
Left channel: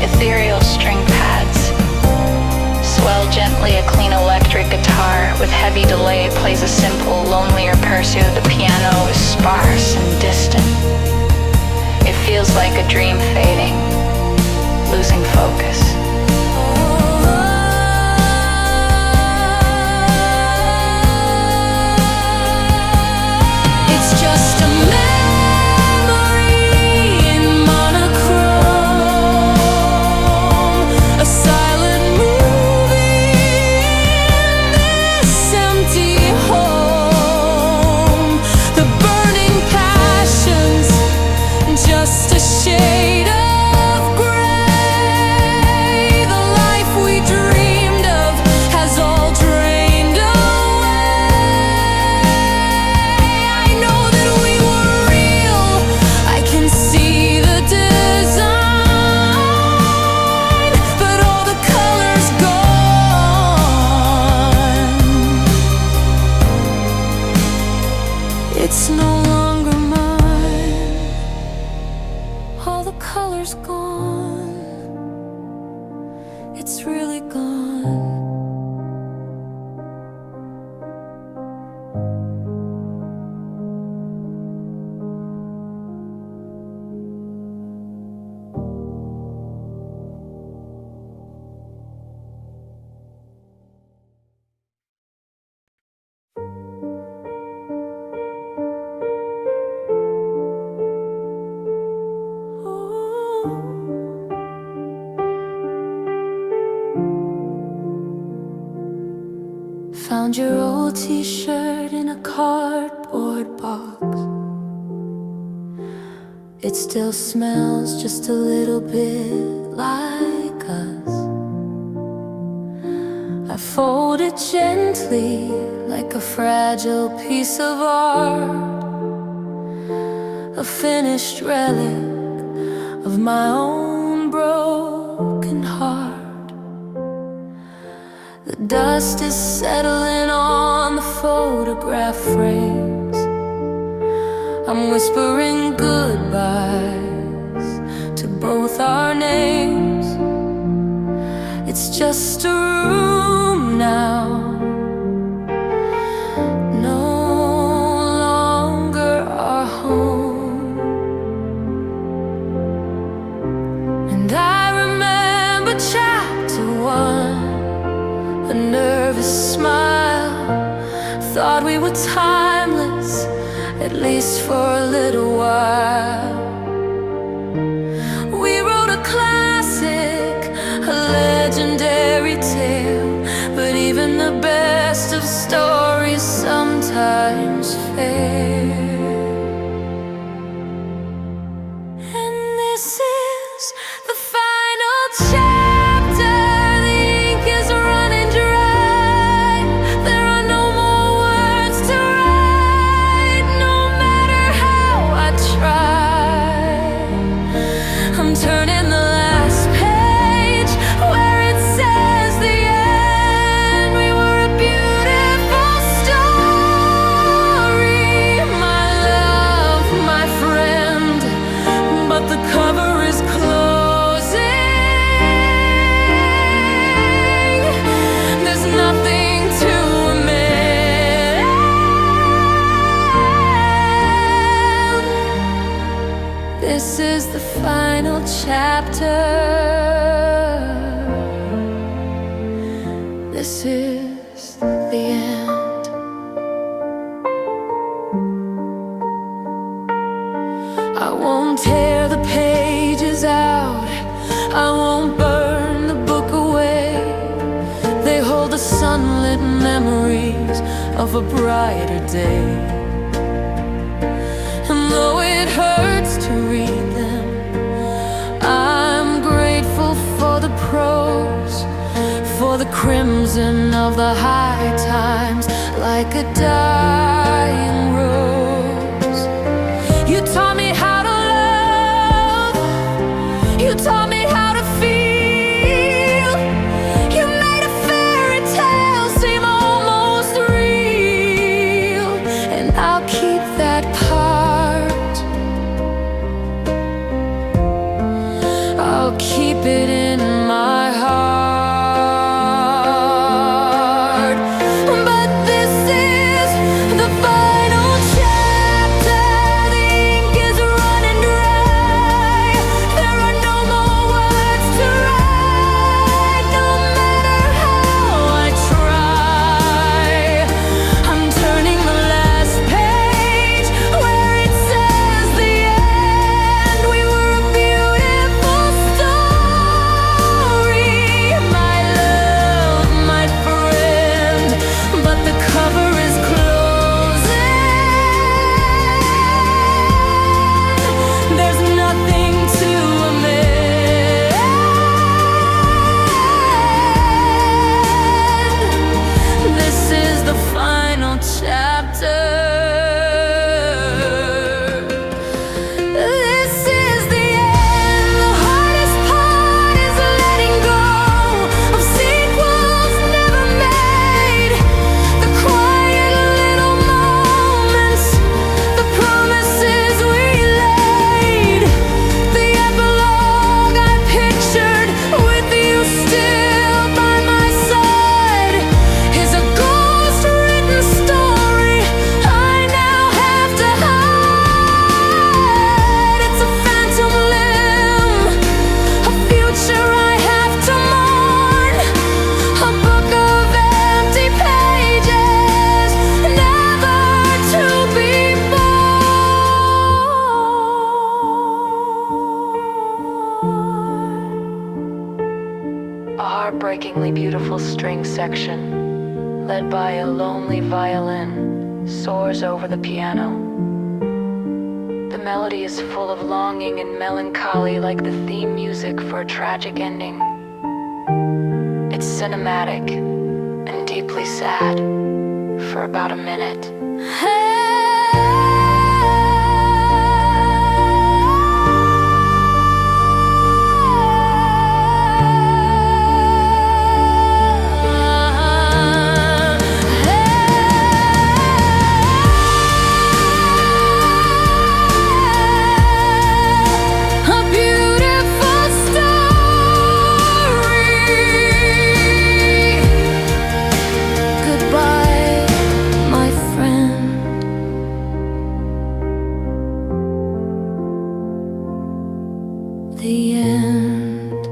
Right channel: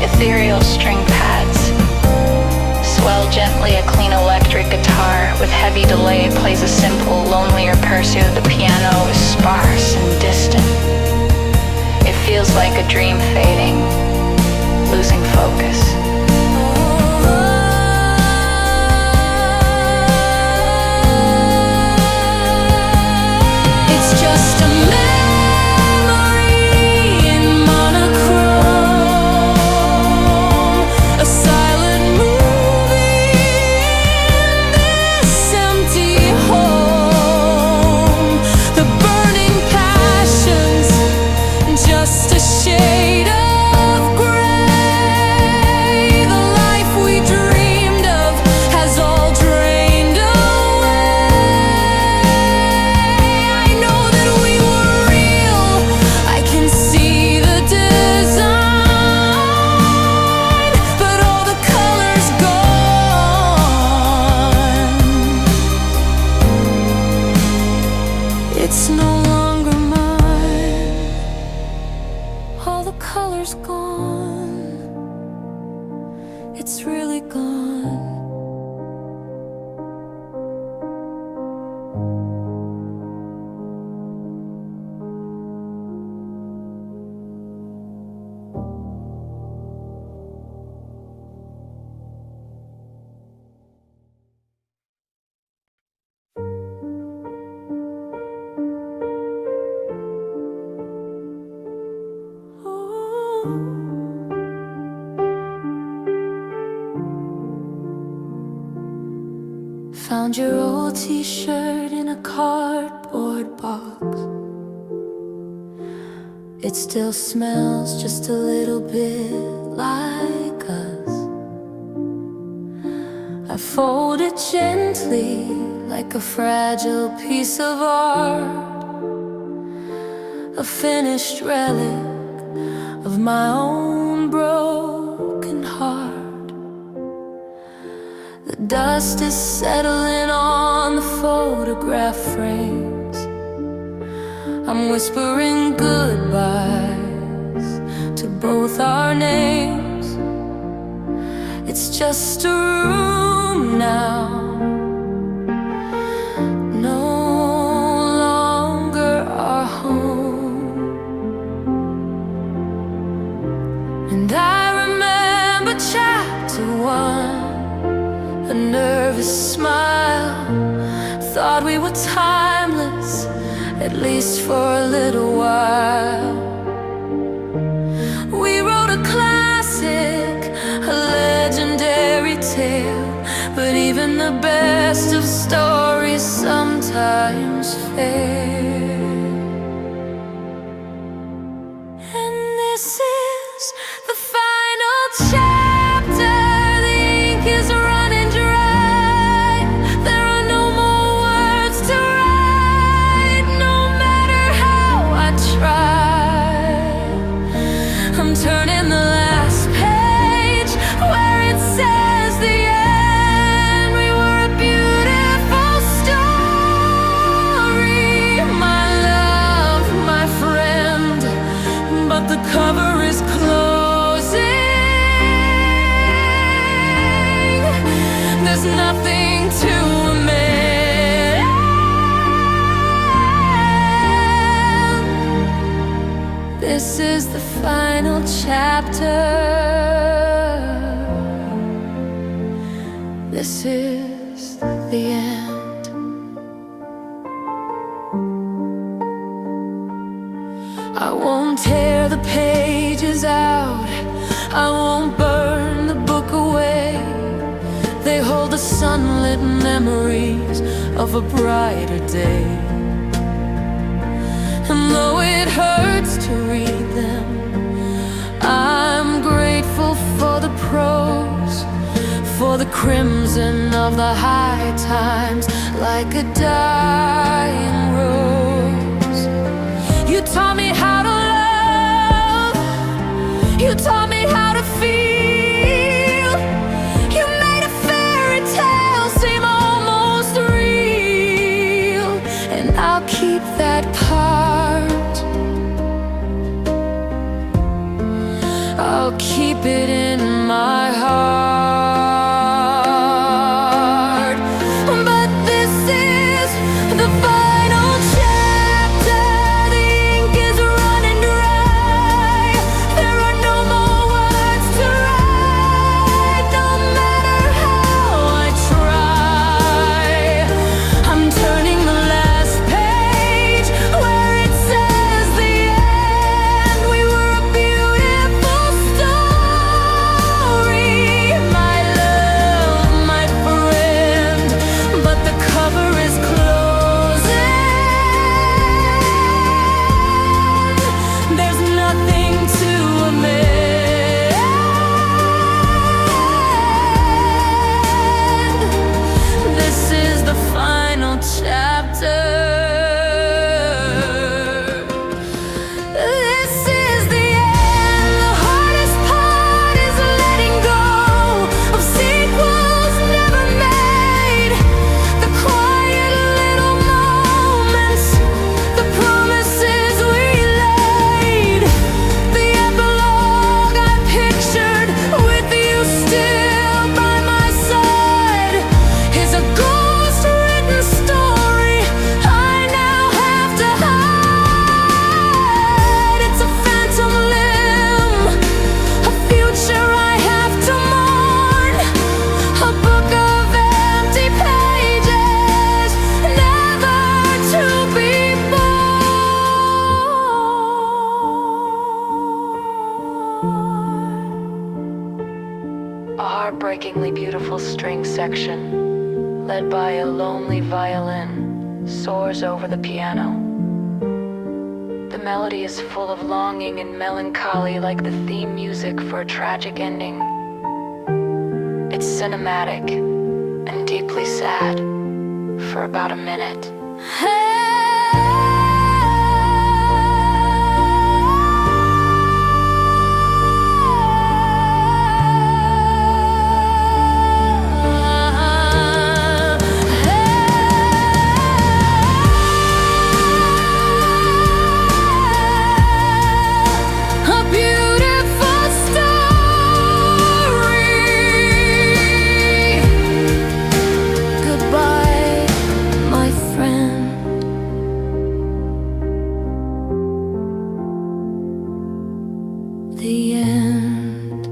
ethereal string pads. Swell gently a clean electric guitar with heavy delay plays a simple, lonelier pursuit. The piano is sparse and distant. It feels like a dream fading, losing focus. It's just a it's no longer mine. All the color's gone. It's really gone. Found your old t-shirt in a cardboard box. It still smells just a little bit like us. I fold it gently like a fragile piece of art, a finished relic of my own broken heart. The dust is settling on the photograph frames. I'm whispering goodbyes to both our names. It's just a room now, no longer our home. And I remember chapter 1, a nervous smile. Thought we were timeless, at least for a little while. We wrote a classic, a legendary tale. But even the best of stories sometimes fail. And this is the final chapter. The ink is running dry. There are no more words to write. No matter how I try, I'm turning the last page where it says the end. We were a beautiful story, my love, my friend. But the cover is closing. There's nothing to amend. This is the final chapter. This is the end. I won't tear the pages out. I won't burn the book away. They hold the sunlit memories of a brighter day. And though it hurts to read them. I'm grateful for the prose, for the crimson of the high times, like a dying rose. You taught me how to love, you taught me how to feel. You made a fairy tale seem almost real, and I'll keep that part. I'll keep it in my heart. But this is the final chapter. The ink is running dry. There are no more words to write. No matter how I try, I'm turning the last page where it says the end. We were a beautiful story, my love, my friend. But the cover is closing. There's nothing to amend. This is the final chapter. This is the end. The hardest part is letting go of sequels never made. The quiet little moments, the promises we laid. The epilogue I pictured with you still by my side is a ghost-written story I now have to hide. It's a phantom limb, a future I have to mourn, a book of empty pages, never to be born. A heartbreakingly beautiful string section, led by a lonely violin, soars over the piano. The melody is full of longing and melancholy, like the theme music for a tragic ending. It's cinematic and deeply sad for about a minute. A beautiful story. Goodbye, my friend. The end.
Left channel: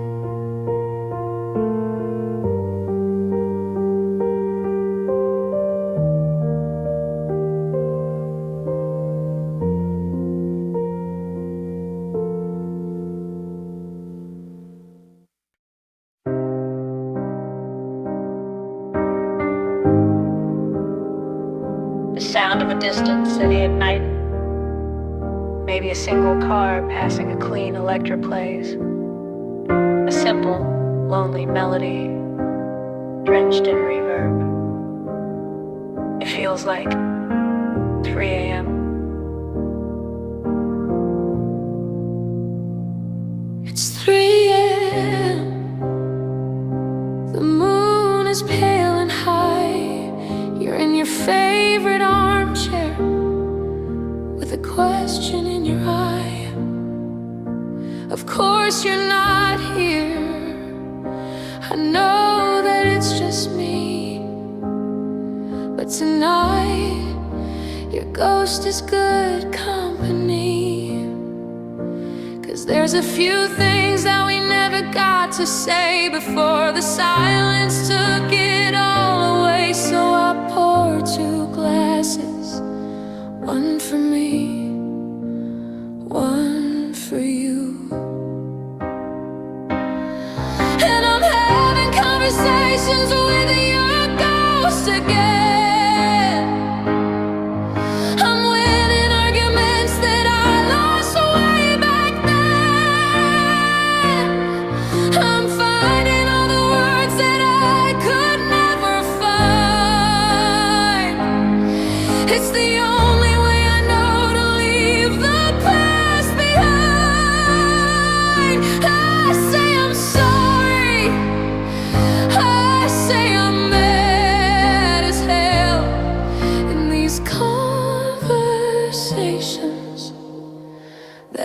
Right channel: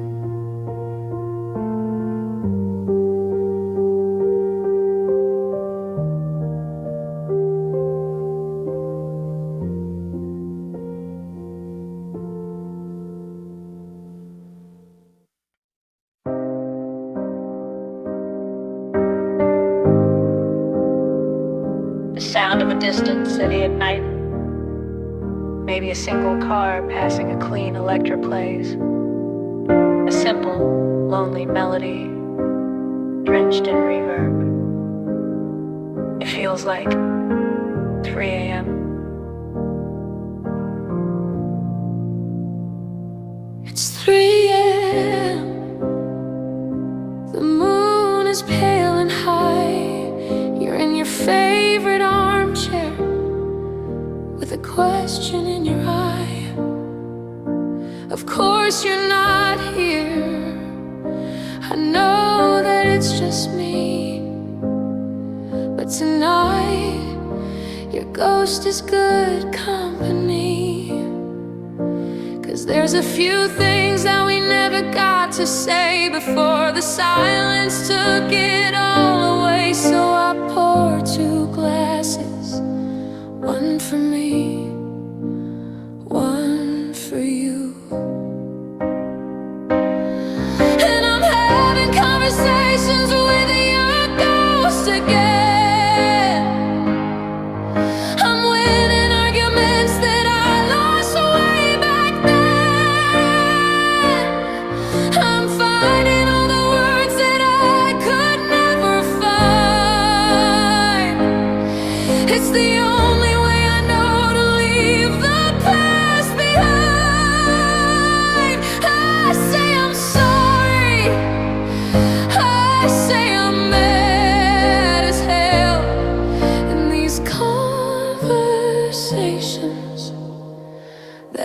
The sound of a distant city at night. Maybe a single car passing a clean electro plays. A simple, lonely melody, drenched in reverb. It feels like 3 a.m. It's 3 a.m. The moon is pale and high. You're in your favorite armchair with a question in your eye. Of course you're not here. I know that it's just me, but tonight your ghost is good company. 'Cause there's a few things that we never got to say before the silence took it all away. So I poured 2 glasses, one for me, one for you. And I'm having conversations with your ghost again. I'm winning arguments that I lost way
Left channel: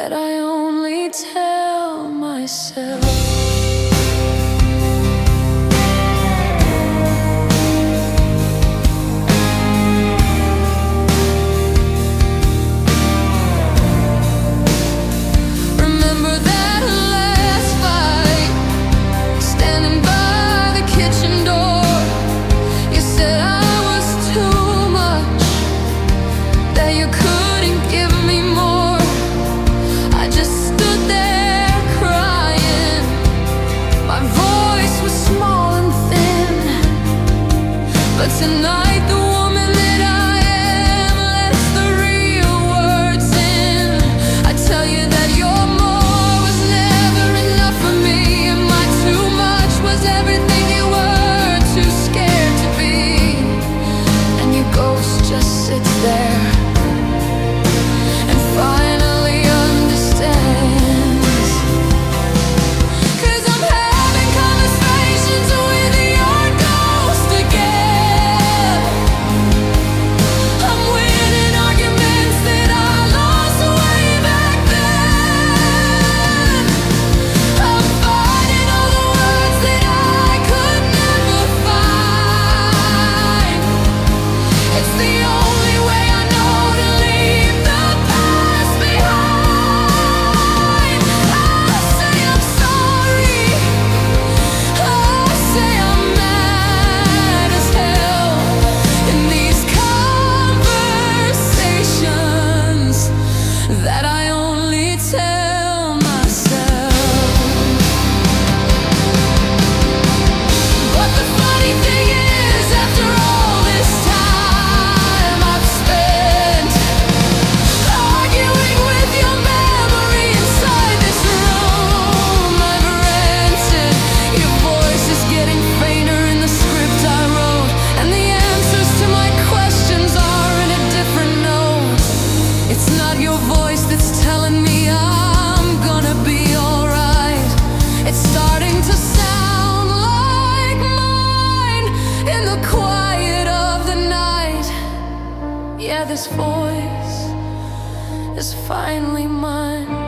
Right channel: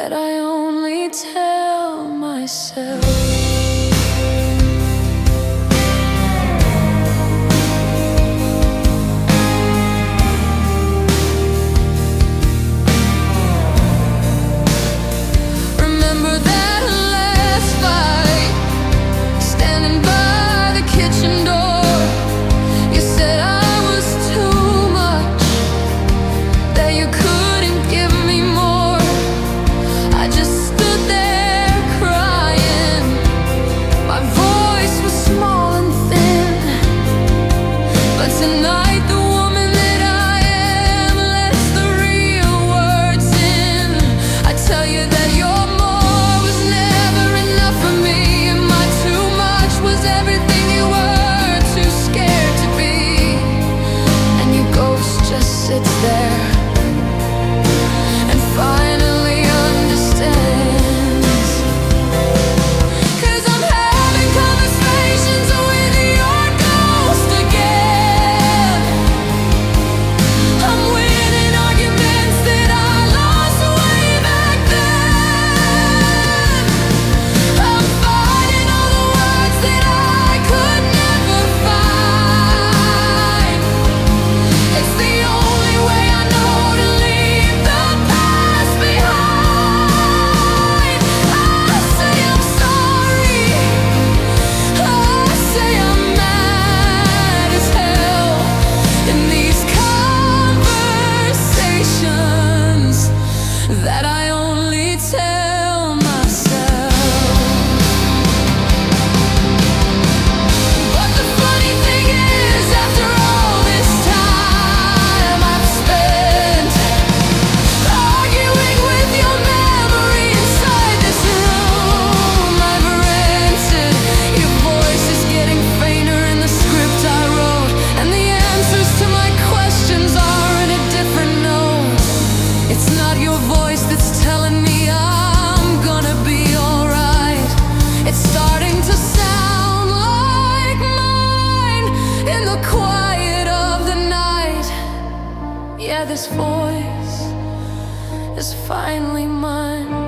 that I only tell myself. Tonight, the woman that I am lets the real words in. I tell you that your more was never enough for me, and my too much was everything you were too scared to be. And your ghost just sits there and finally understands. This voice is finally mine.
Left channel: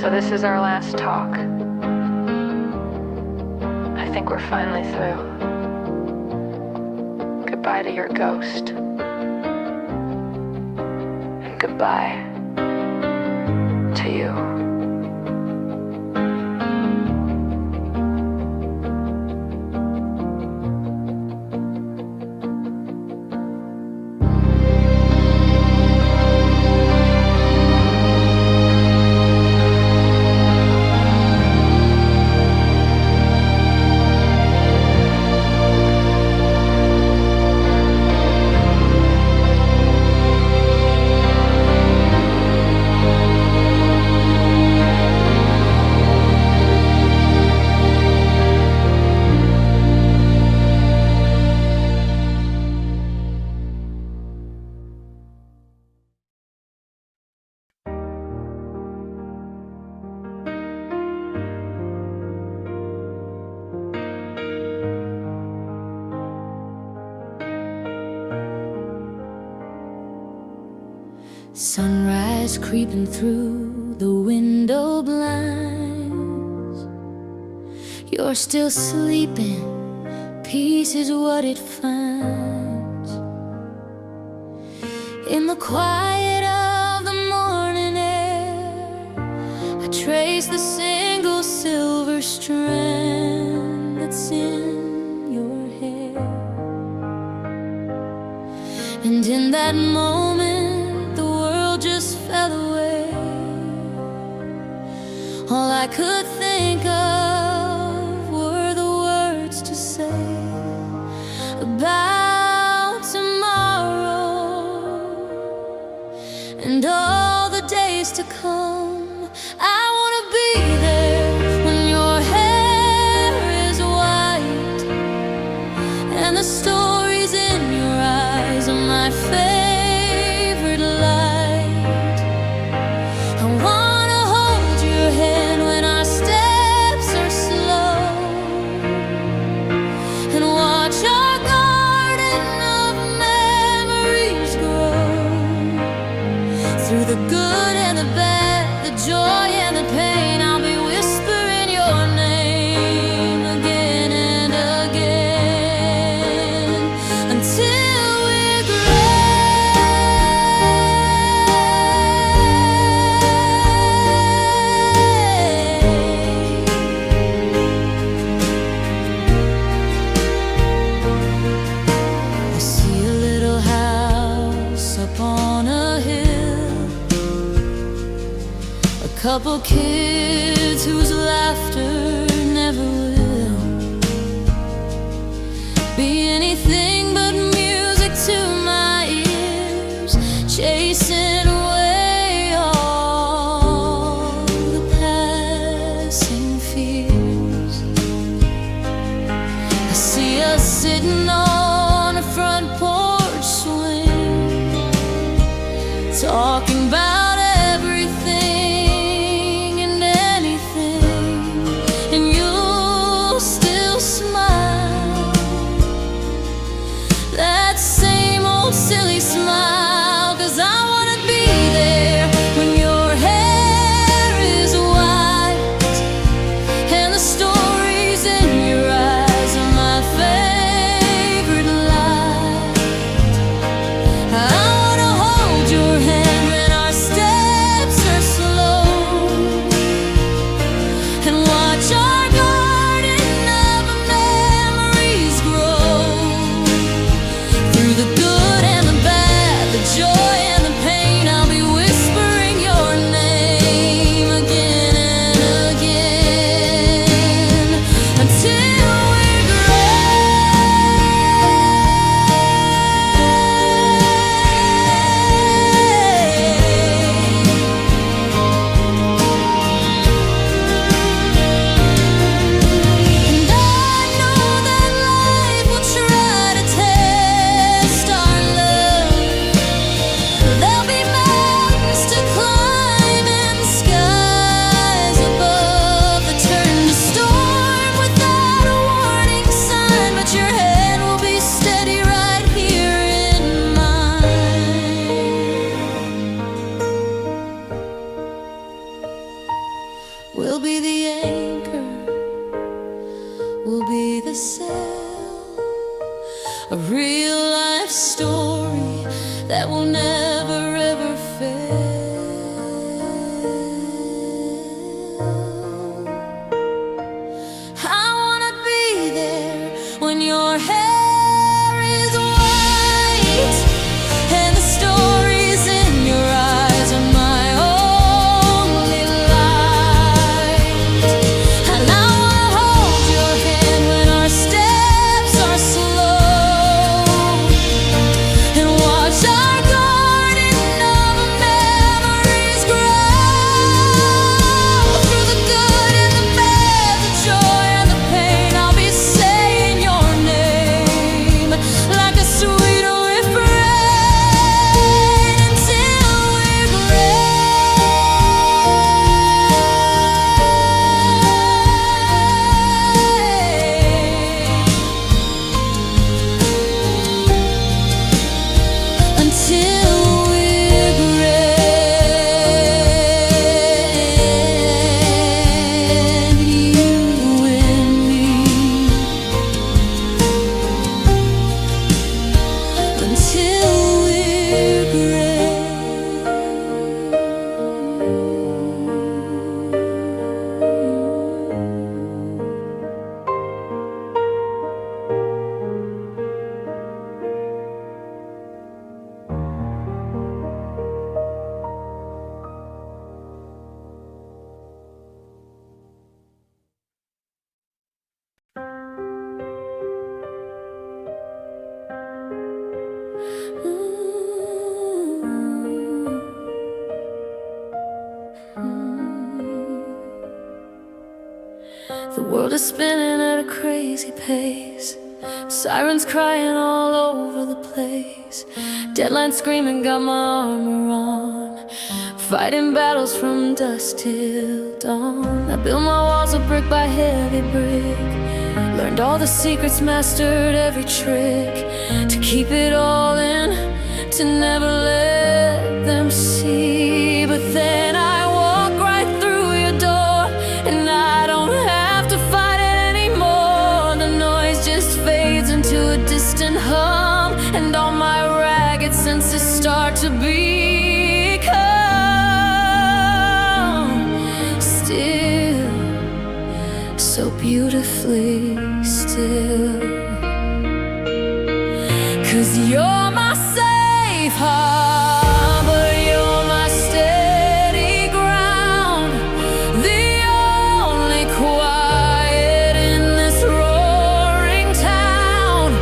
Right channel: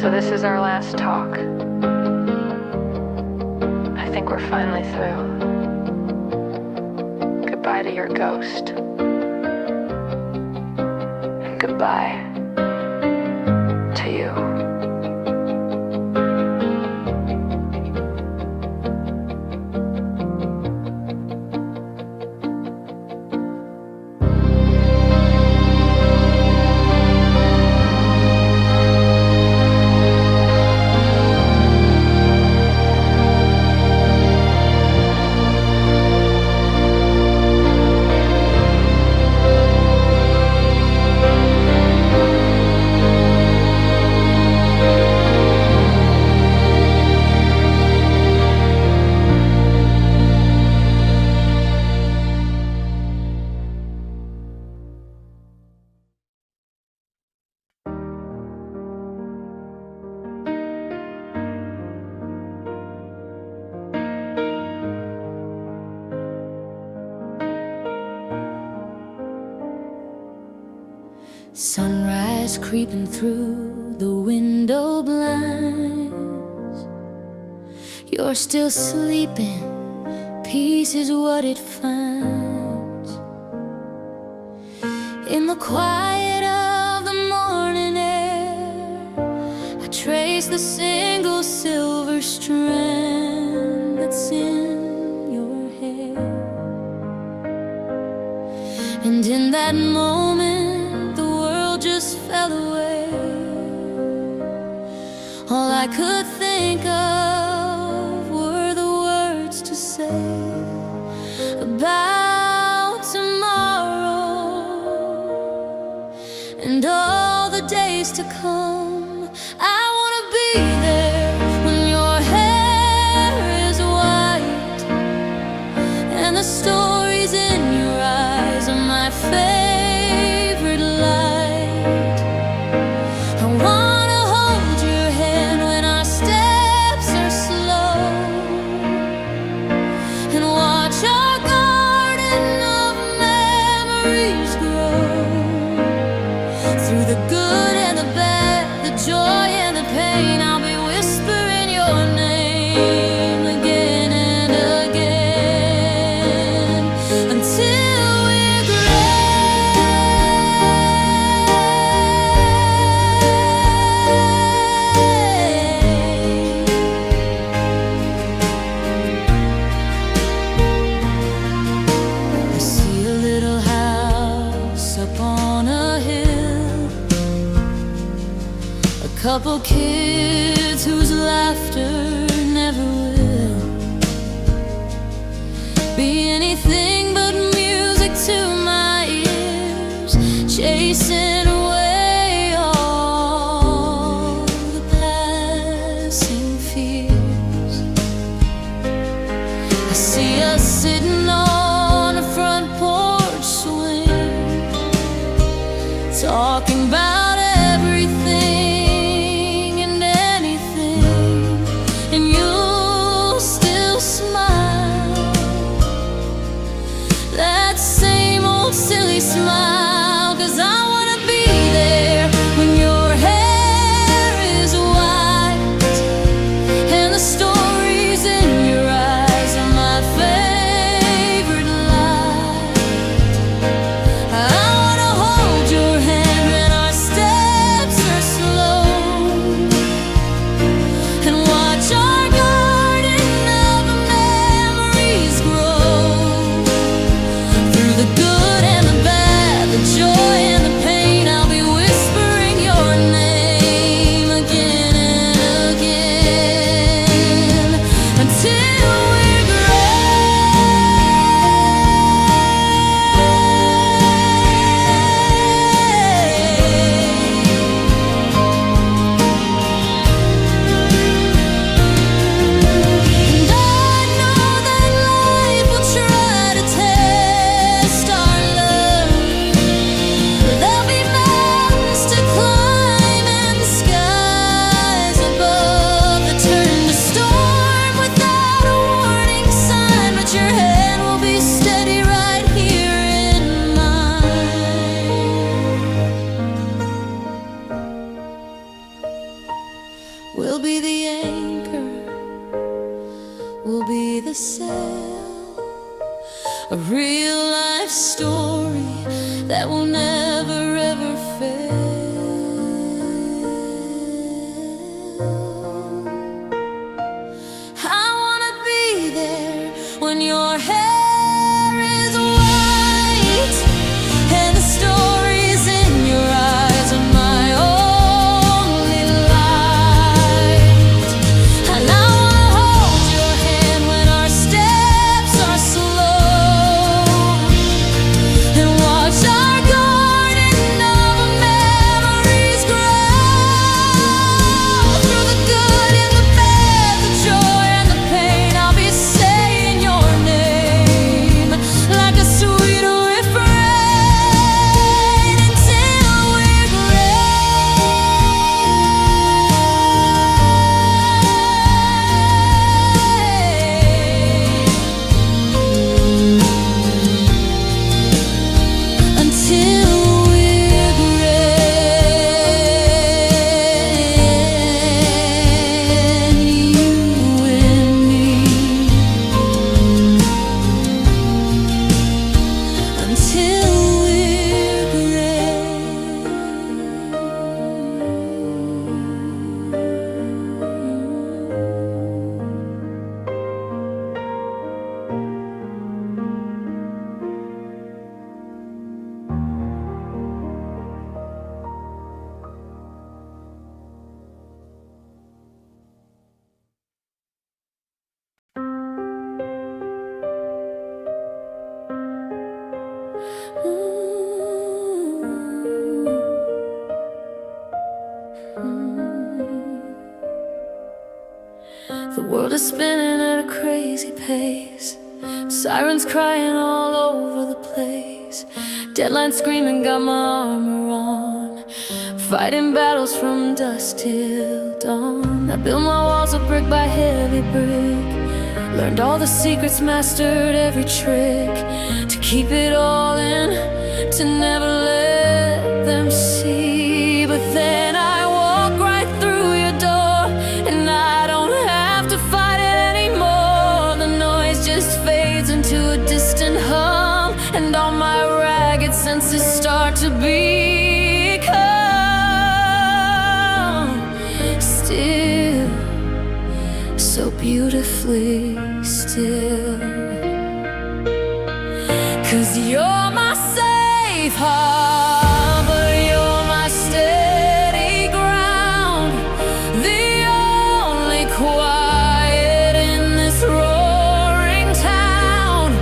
So this is our last talk. I think we're finally through. Goodbye to your ghost. And goodbye to you. Sunrise creeping through the window blinds. You're still sleeping, peace is what it finds. In the quiet of the morning air, I trace the single silver strand that's in your hair. And in that moment, the world just fell away. All I could think of were the words to say about tomorrow and all the days to come. I wanna be there when your hair is white and the stories in your eyes are my favorite light. I wanna hold your hand when our steps are slow and watch our garden of memories grow. Through the good and the bad, the joy and the pain, I'll be whispering your name again and again until we're gray. I see a little house up on a hill, a couple kids whose laughter never will be anything but music to my ears, chasing away all the passing fears. I see us sitting on a front porch swing, talking about everything and anything, and you'll still smile, that same old silly smile, 'cause I wanna be there when your hair is white and the stories in your eyes are my favorite light. I wanna hold your hand when our steps are slow and watch our garden of memories grow. Through the good and the bad, the joy and the pain, I'll be whispering your name again and again until we're and I know that life will try to test our love. There'll be mountains to climb and skies above that turn to storm without a warning sign, but your hand will be steady right here in mine. We'll be the anchor, we'll be the sail, a real life story that will never ever fail. I wanna be there when your hair is white and the stories in your eyes are my only light. And I wanna hold your hand when our steps are slow and watch our garden of memories grow. Through the good and the bad, the joy and the pain, I'll be saying your name The world is spinning at a crazy pace. Sirens crying all over the place. Deadlines screaming, got my armor on. Fighting battles from dusk till dawn. I built my walls of brick by heavy brick. Learned all the secrets, mastered every trick. To keep it all in, to never let them see. But then I walk right through your door, and I don't have to fight it anymore. The noise just fades into a distant hum, and all my ragged senses start to become still, so beautifully still. 'Cause you're my safe harbor, you're my steady ground, the only quiet in this roaring town.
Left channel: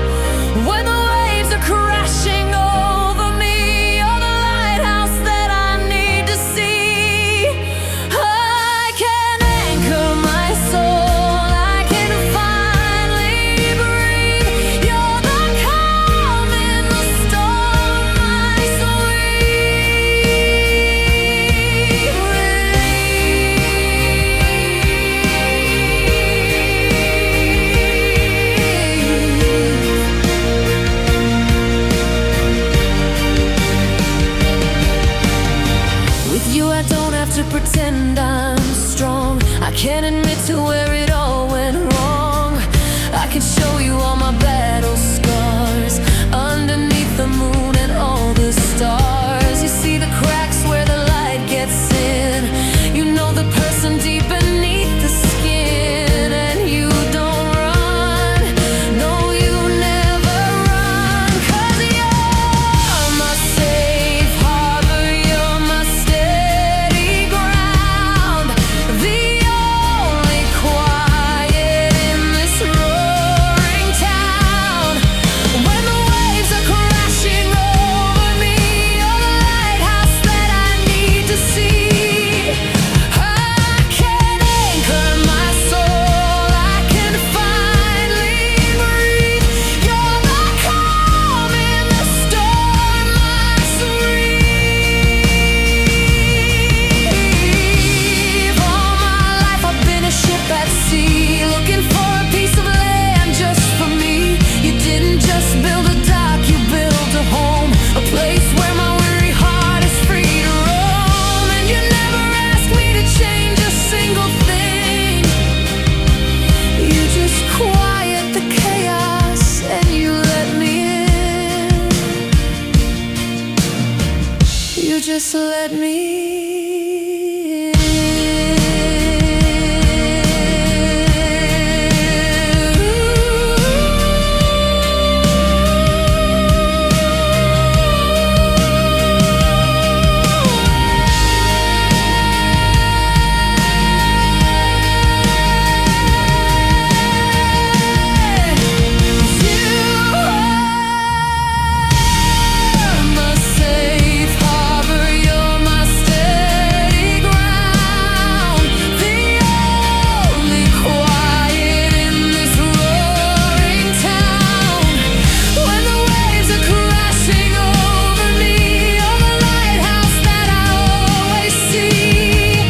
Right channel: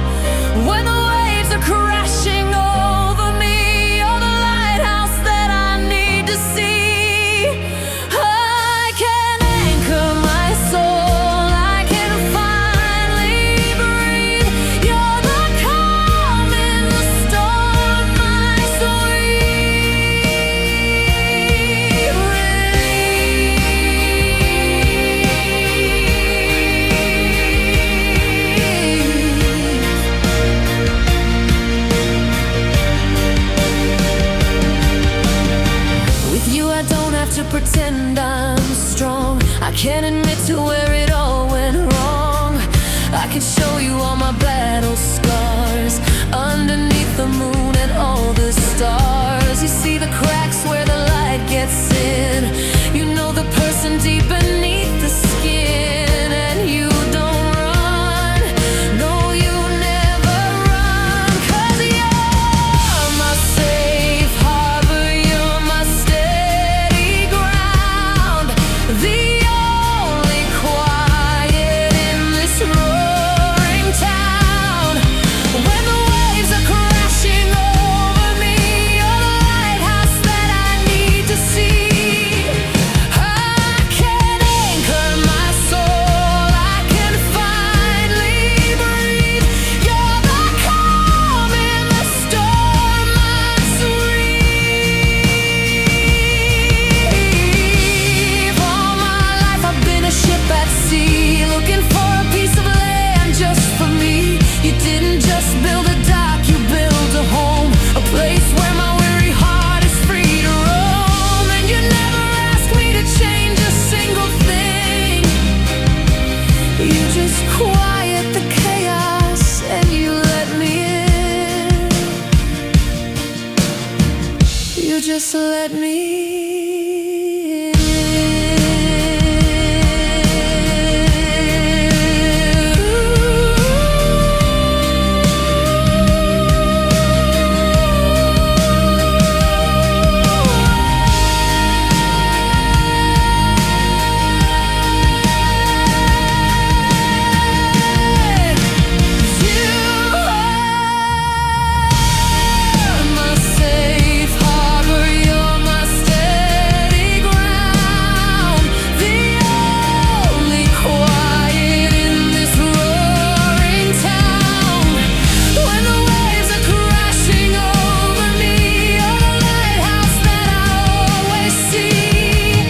When the waves are crashing over me, you're the lighthouse that I need to see. I can anchor my soul, I can finally breathe. You're the calm in the storm, my sweet relief. With you I don't have to pretend I'm strong. I can admit to where it all went wrong. I can show you all my battle scars underneath the moon and all the stars. You see the cracks where the light gets in. You know the person deep beneath the skin. And you don't run, no you never run. 'Cause you're my safe harbor, you're my steady ground, the only quiet in this roaring town. When the waves are crashing over me, you're the lighthouse that I need to see. I can anchor my soul, I can finally breathe. You're the calm in the storm, my sweet. All my life I've been a ship at sea, looking for a piece of land just for me. You didn't just build a dock, you built a home, a place where my weary heart is free to roam. And you never asked me to change a single thing. You just quiet the chaos and you let me in. You just let me my safe harbor, you're my steady ground, the only quiet in this roaring town. When the waves are crashing over me, you're the lighthouse that I always see.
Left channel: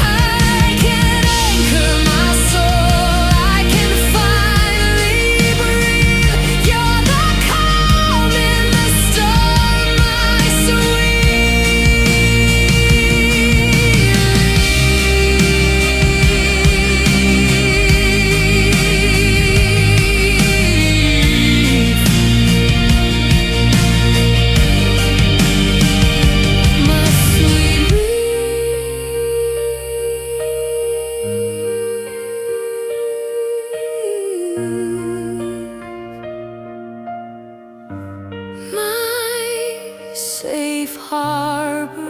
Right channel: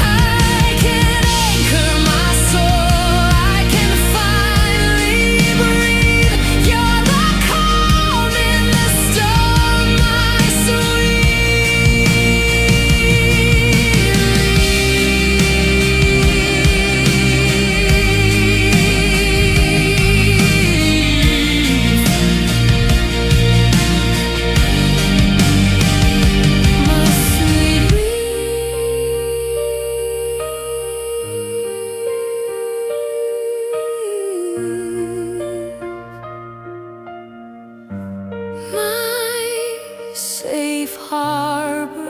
I can anchor my soul, I can finally breathe. You're the calm in the storm, my sweet, my sweet my safe harbor.